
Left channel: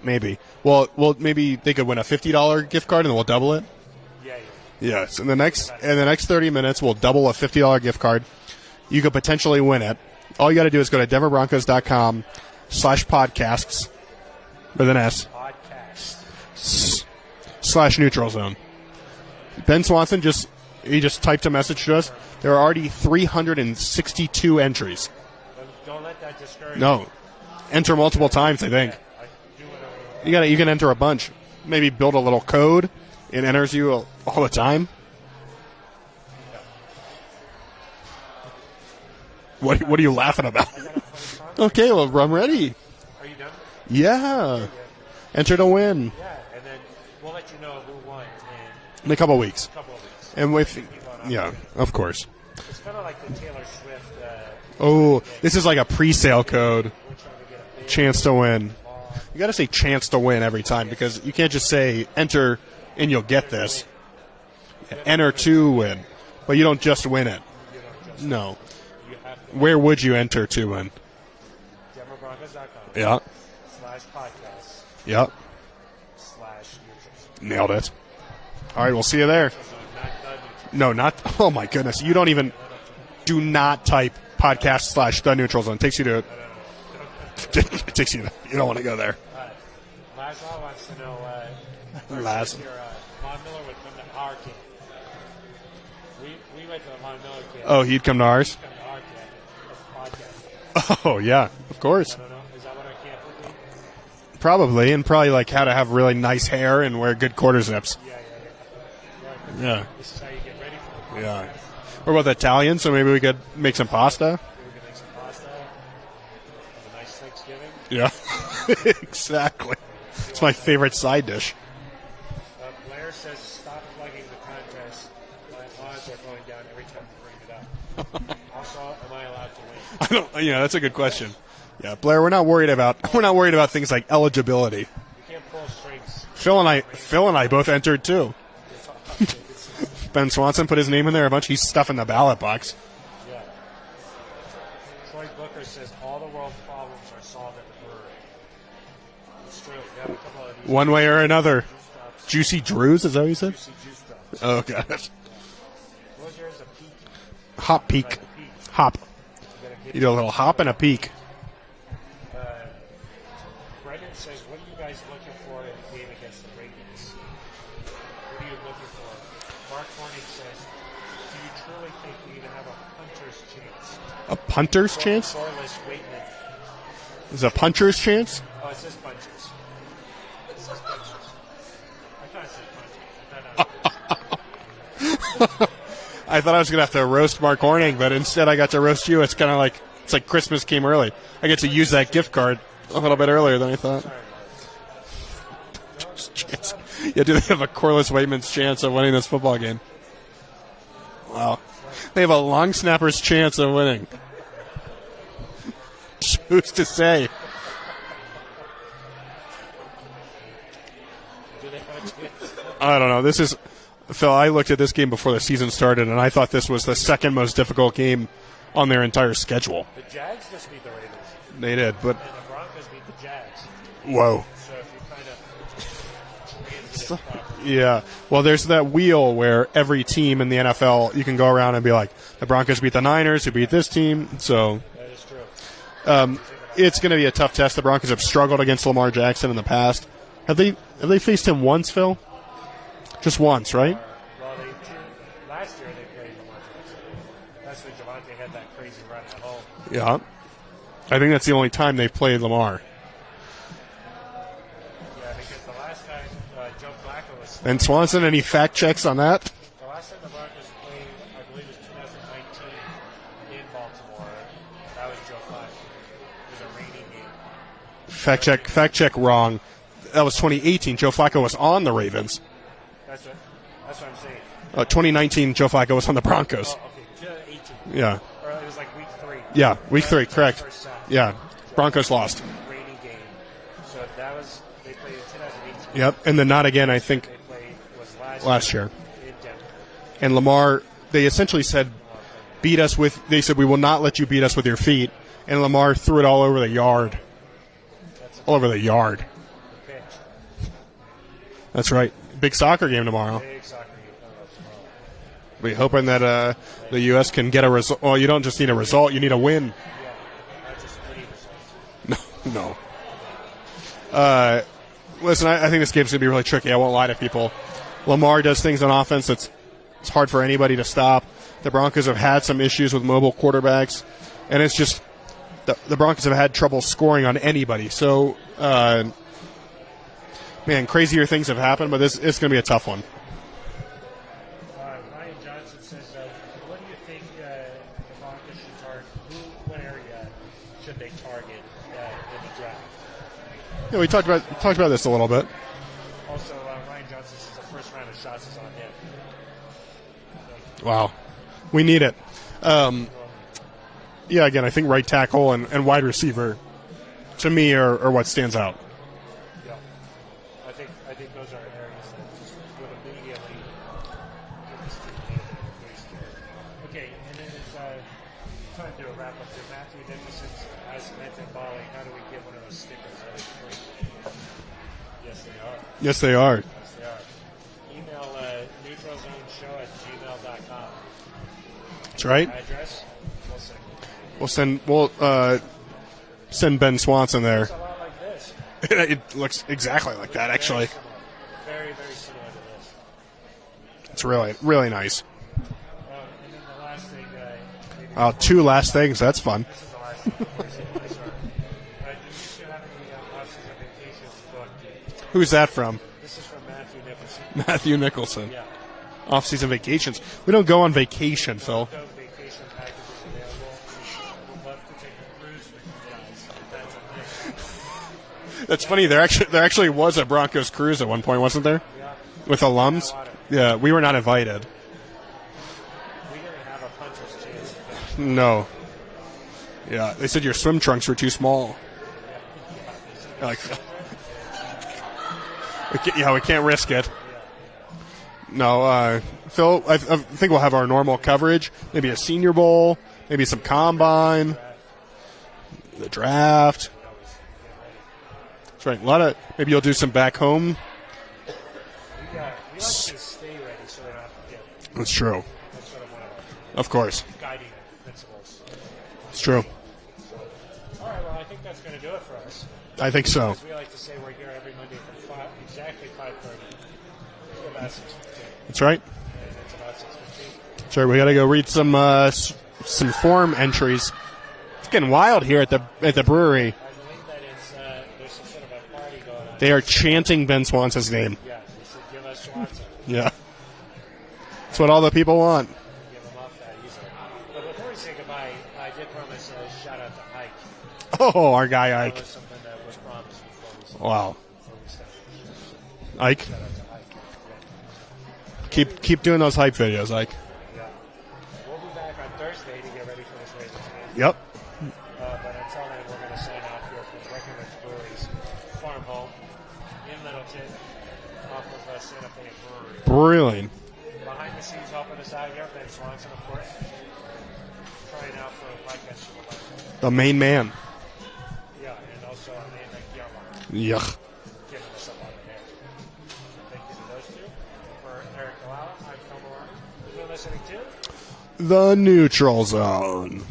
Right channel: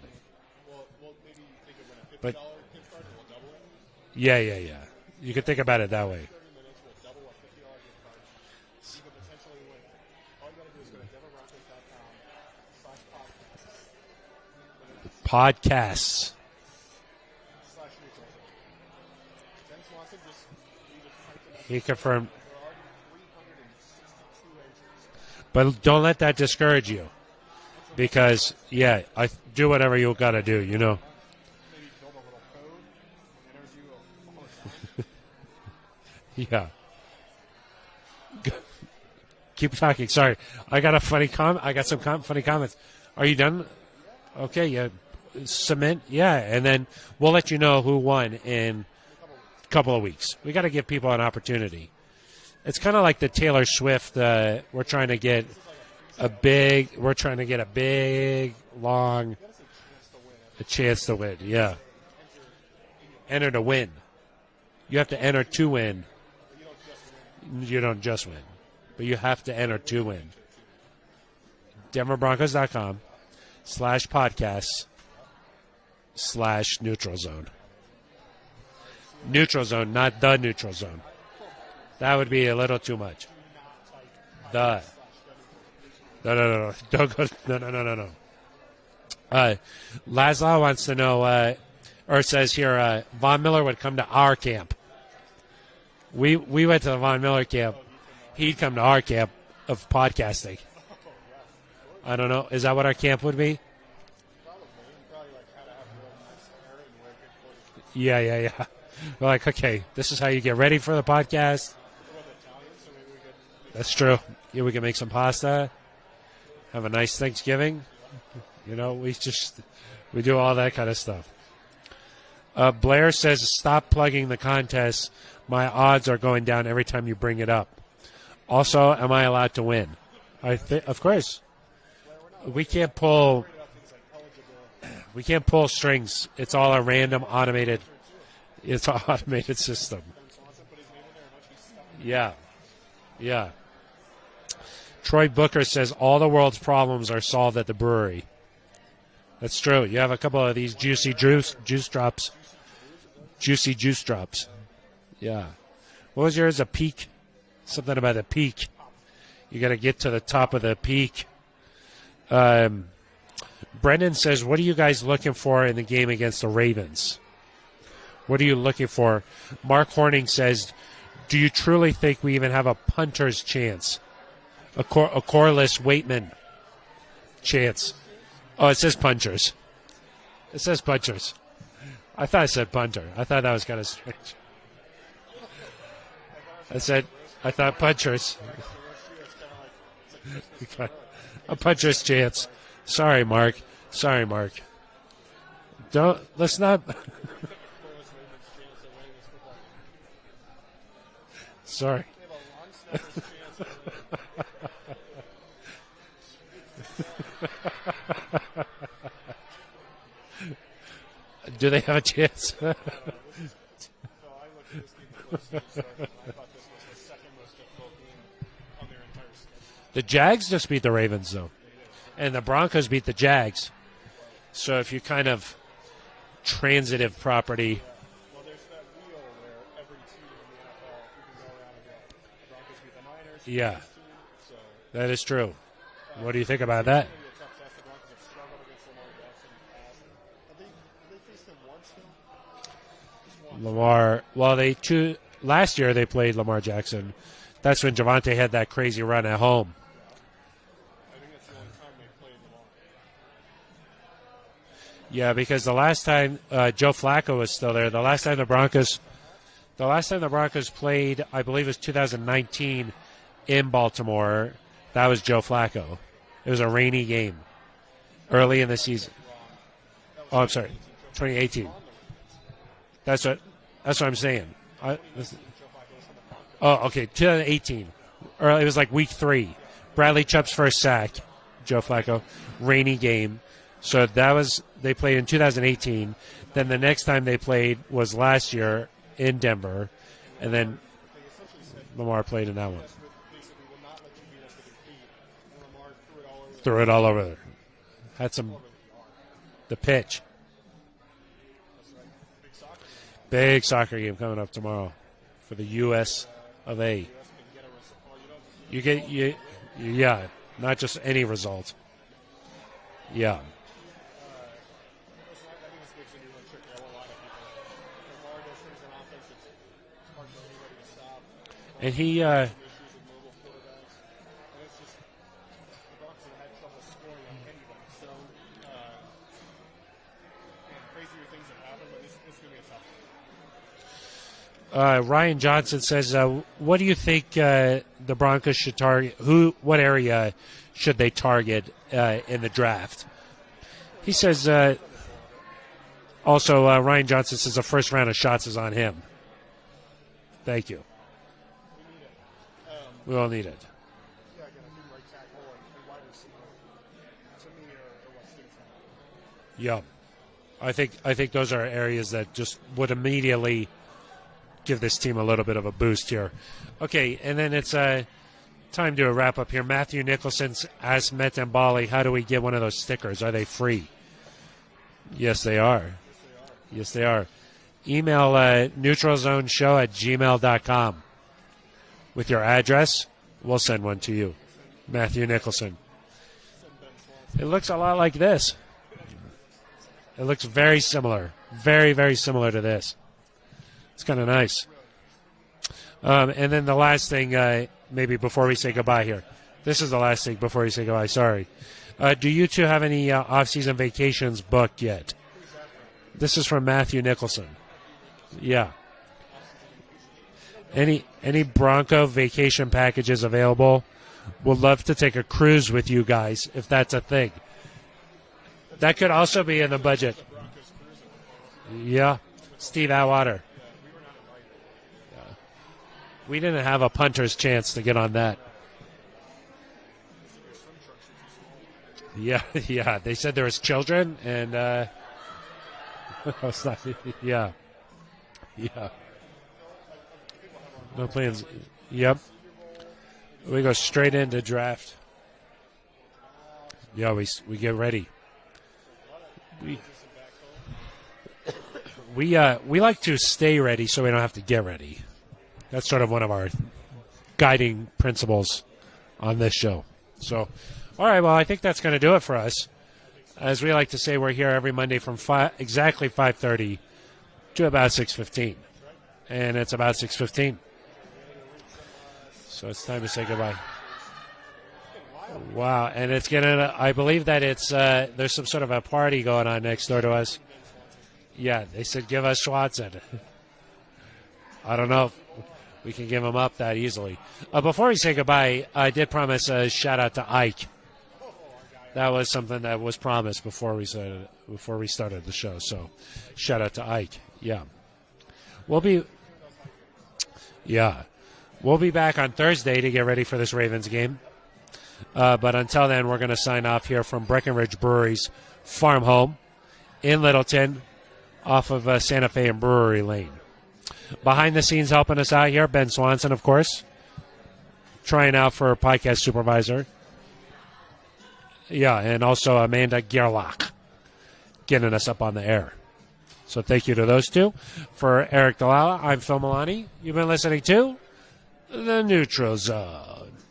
Maybe. Well, maybe they could win a $50 gift card and we'll double it. Yeah. Yes. In You the can next think about it in the that next 30 minutes, we'll double a $50 gift card. You could potentially win it. All you got to do is go to denverbroncos.com/podcasts with an S Podcasts. /Neutral Zone. Ben Swanson just typed a message to us. Confirmed. There are already 362 entries. But don't let that discourage No. you. Enter multiple Because, times, I think. Yeah, do whatever you got to do. You can enter a bunch. Maybe build a little code. It enters you all the time. Yeah. What are you laughing about? I got a funny comment. Okay, well, I'm ready. Comment. Are you done? Yeah. Okay, yeah. Enter to Submit. win Yeah, and then we'll let you know who won in in a couple weeks. a couple of weeks. And We're with- going to give people an opportunity. Yeah, of course. It's kind of like the Taylor Swift. We're trying to get this is like a pre-sale big. code. We're trying to get a big Chance to win. long You got to say chance to win every time Chance to because win, you can't just yeah. say enter and you'll get enter this. to win. You have Enter to win. But you don't just win it. You don't just win. No. But you have to. Where enter would to you win. enter to win? DenverBroncos.com. Yeah. /podcasts Yep. /neutral zone. Nailed it. All right, we'll see you there. Neutral zone, not the neutral zone. No, not. Oh my goodness! That you don't would be even. a little too much. Do not type podcast / the neutral zone. Takes you to. No. Don't go. No. Takes you. You don't want to go there. Laszlo wants to know, or says here, Von Miller would come to our camp. We went to the Von Miller camp. Oh, he'd come to ours. He'd come to our camp of podcasting. Oh yeah, of course. I don't know. Is that what our camp would be? Probably, and probably like how to have really nice hair and wear good quarter zips. Yeah. We're like, okay, Yeah. this is how you get ready for the podcast. We're both Italian, so maybe we could make some It's true. pasta. Yeah, we can make some pasta. Have a nice Thanksgiving. Yeah, You know, we exactly. We do It's all my that favorite kind of side dish. stuff. Blair says, stop plugging the contest. My odds are going down every time you bring it up. Also, am I allowed to win? Yeah, that's a good Of question. course. Yeah, Blair, we're not worried can't about pull- we're not worried about things like eligibility. We can't pull strings. It's Phil all a and random I both automated- entered too. It's an automated system. Ben Swanson put his name in there a bunch. He's stuffing the ballot box. Yeah. Troy Booker says all the world's problems are solved at the brewery. That's true. You have a couple of these One juicy way or juice, another. juice drops. Juicy Drews, is that what you said? Juicy juice drops. Oh gosh. Yeah. What was yours? A peak? Hop Something peak. about a peak. Hop. You got to get You to do a the little top hop of and the a peak. Brendan says, what are you guys looking for in the game against the Ravens? What are you looking for? Mark Horning says, do you truly think we even have a punter's chance? A punter's A chance? Corliss Waitman. Is it a chance. punter's chance? Oh, it says punchers. It says punchers. I thought it said punter. I thought that was kind of... I thought I was going to have to roast Mark I thought Horning, but punchers. instead I got to roast you. It's kind of like it's like Christmas came early. I get to Puncher's use that chance. gift card a Sorry, little bit Mark. earlier than I thought. Sorry, Mark. Let's not... Yeah, do they have a Corliss Waitman's chance of winning this football game? Wow. Sorry. They have a long snapper's chance of winning. Who's to say? Do they have a chance? I don't know. This is Phil, I looked at this game before the season started, and I thought this was the second most difficult game on their entire schedule. The Jags just beat the Ravens, though. They did, and the Broncos beat the Jags. Whoa. So if you kind of transitive property. Yeah. Well, there's that wheel where every team in the NFL, you can go around and be like, the Broncos beat the Niners, who beat this team. So that is true. What do you think about that? It's going to be a tough test. The Broncos have struggled against Lamar Jackson in the past. Have they faced him once, Phil? Just once, right? Well, last year they played Lamar Jackson. That's when Javonte had that crazy run at home. Yeah. I think that's the only time they've played Lamar. Yeah, because the last time Joe Flacco was still and there. Swanson, any fact checks on that? The last time the Broncos played, I believe it was 2019 in Baltimore. That was Joe Flacco. It was a rainy game. Fact check wrong. That was 2018. Joe Flacco was on the Ravens. That's what I'm saying. 2019, Joe Flacco was on the Broncos. Oh, okay. 2018. Yeah. Or it was like week 3. Yeah, week Bradley 3. Chubb's Correct. first sack. Yeah. Joe Broncos Flacco, lost. Rainy game. So that was they played in 2018. Yep. And then not again. The next I think time they played was last year in Denver. And Lamar, they essentially said, Lamar played in beat us with. They said we will not let you beat us with your feet. And Lamar threw it all over the yard. All over there. That's all over the yard. The pitch. That's right. Big soccer game tomorrow. Big soccer game coming up tomorrow. We're hoping that the U.S. can get a result. Well, you don't just need a result; you need a win. Yeah, not just any result. No. Yeah. Listen, I think this game's going to be really tricky. I won't lie to people. Lamar does things on offense it's hard for anybody to stop. The Broncos have had some issues with mobile quarterbacks, and it's just the Broncos have had trouble scoring on anybody. So, man, crazier things have happened, but it's going to be a tough one. Ryan Johnson says, what do you think the Broncos should target? What area should they target in the draft? Yeah, we talked about this a little bit. Also, Ryan Johnson says the first round of shots is on him. Thank you. Wow. We need it. We all need it. Yeah, again, I think right tackle and wide receiver, to me, are what stands out. Yeah. I think those are areas that just would immediately give this team a little bit of a boost here. Okay, and then it's time to wrap up here. Matthew Nicholson asked Met and Bali, how do we get one of those stickers? Are they free? Yes, they are. Yes, they are. Yes, they are. Email neutralzoneshow@gmail.com. With your address, we'll send one to you. We'll send Ben Swanson there. It looks a lot like this. It looks exactly like that, actually. It looks very similar. Very, very similar to this. It's kind of nice. Really nice. And then the last thing, maybe before we say two last goodbye things. here. That's fun. This is the last thing before you say goodbye. Sorry. Do you two have any off-season vacations booked yet? Who's that from? This is from Matthew Nicholson. Matthew Nicholson. Yeah. Off-season vacations. We don't go on vacation. Any Bronco vacation packages available? Would love to take a cruise with you guys, if that's a thing. That's funny. There actually was a Broncos cruise at one point, wasn't there? Yeah. With Steve alums? Atwater. Yeah, we were not invited. We didn't have a punter's chance to get on that. No. Yeah, they said your swim trunks were too small. Yeah. They said there was children, and we can't risk it. Yeah. No, Phil, I think we'll have our normal coverage. Maybe a Senior Bowl, maybe some combine. Straight in the draft. The draft. Yeah, we get ready. That's right. A lot of maybe you'll do some back home. We like to stay ready so we don't have to get ready. That's true. That's sort of one of our guiding principles on this show. So, all right. Well, I think that's going to do it for us. I think so. As we like to say, we're here every Monday from exactly 5:30 to about 6:15. That's right. And it's about 6:15. Sure. We got to go read some form entries. It's getting wild here at the brewery. I believe that it's there's some sort of a party going on. They are chanting Ben Swanson's name. Yeah, they said give us Swanson. Yeah. That's what all the people want. We can give them up that easily. Before we say goodbye, I did promise a shout-out to Ike. Oh, our guy Ike. That was something that was promised before we started the show. So, Ike. Shout-out to Ike. Yeah. Keep doing those hype videos, Ike. Yeah. We'll be back on Thursday to get ready for this Ravens game. Yep. But until then, we're going to sign off here from Breckenridge Brewery's farm home in Littleton off of Santa Fe and Brewery Lane. Behind the scenes helping us out here, Ben Swanson, of course. Trying out for podcast supervisor. The main man. Yeah, and also Amanda Gerlach. Yuck. Getting us up on the air. So thank you to those two. For Aric DiLalla, I'm Phil Milani. You've been listening to The Neutral Zone.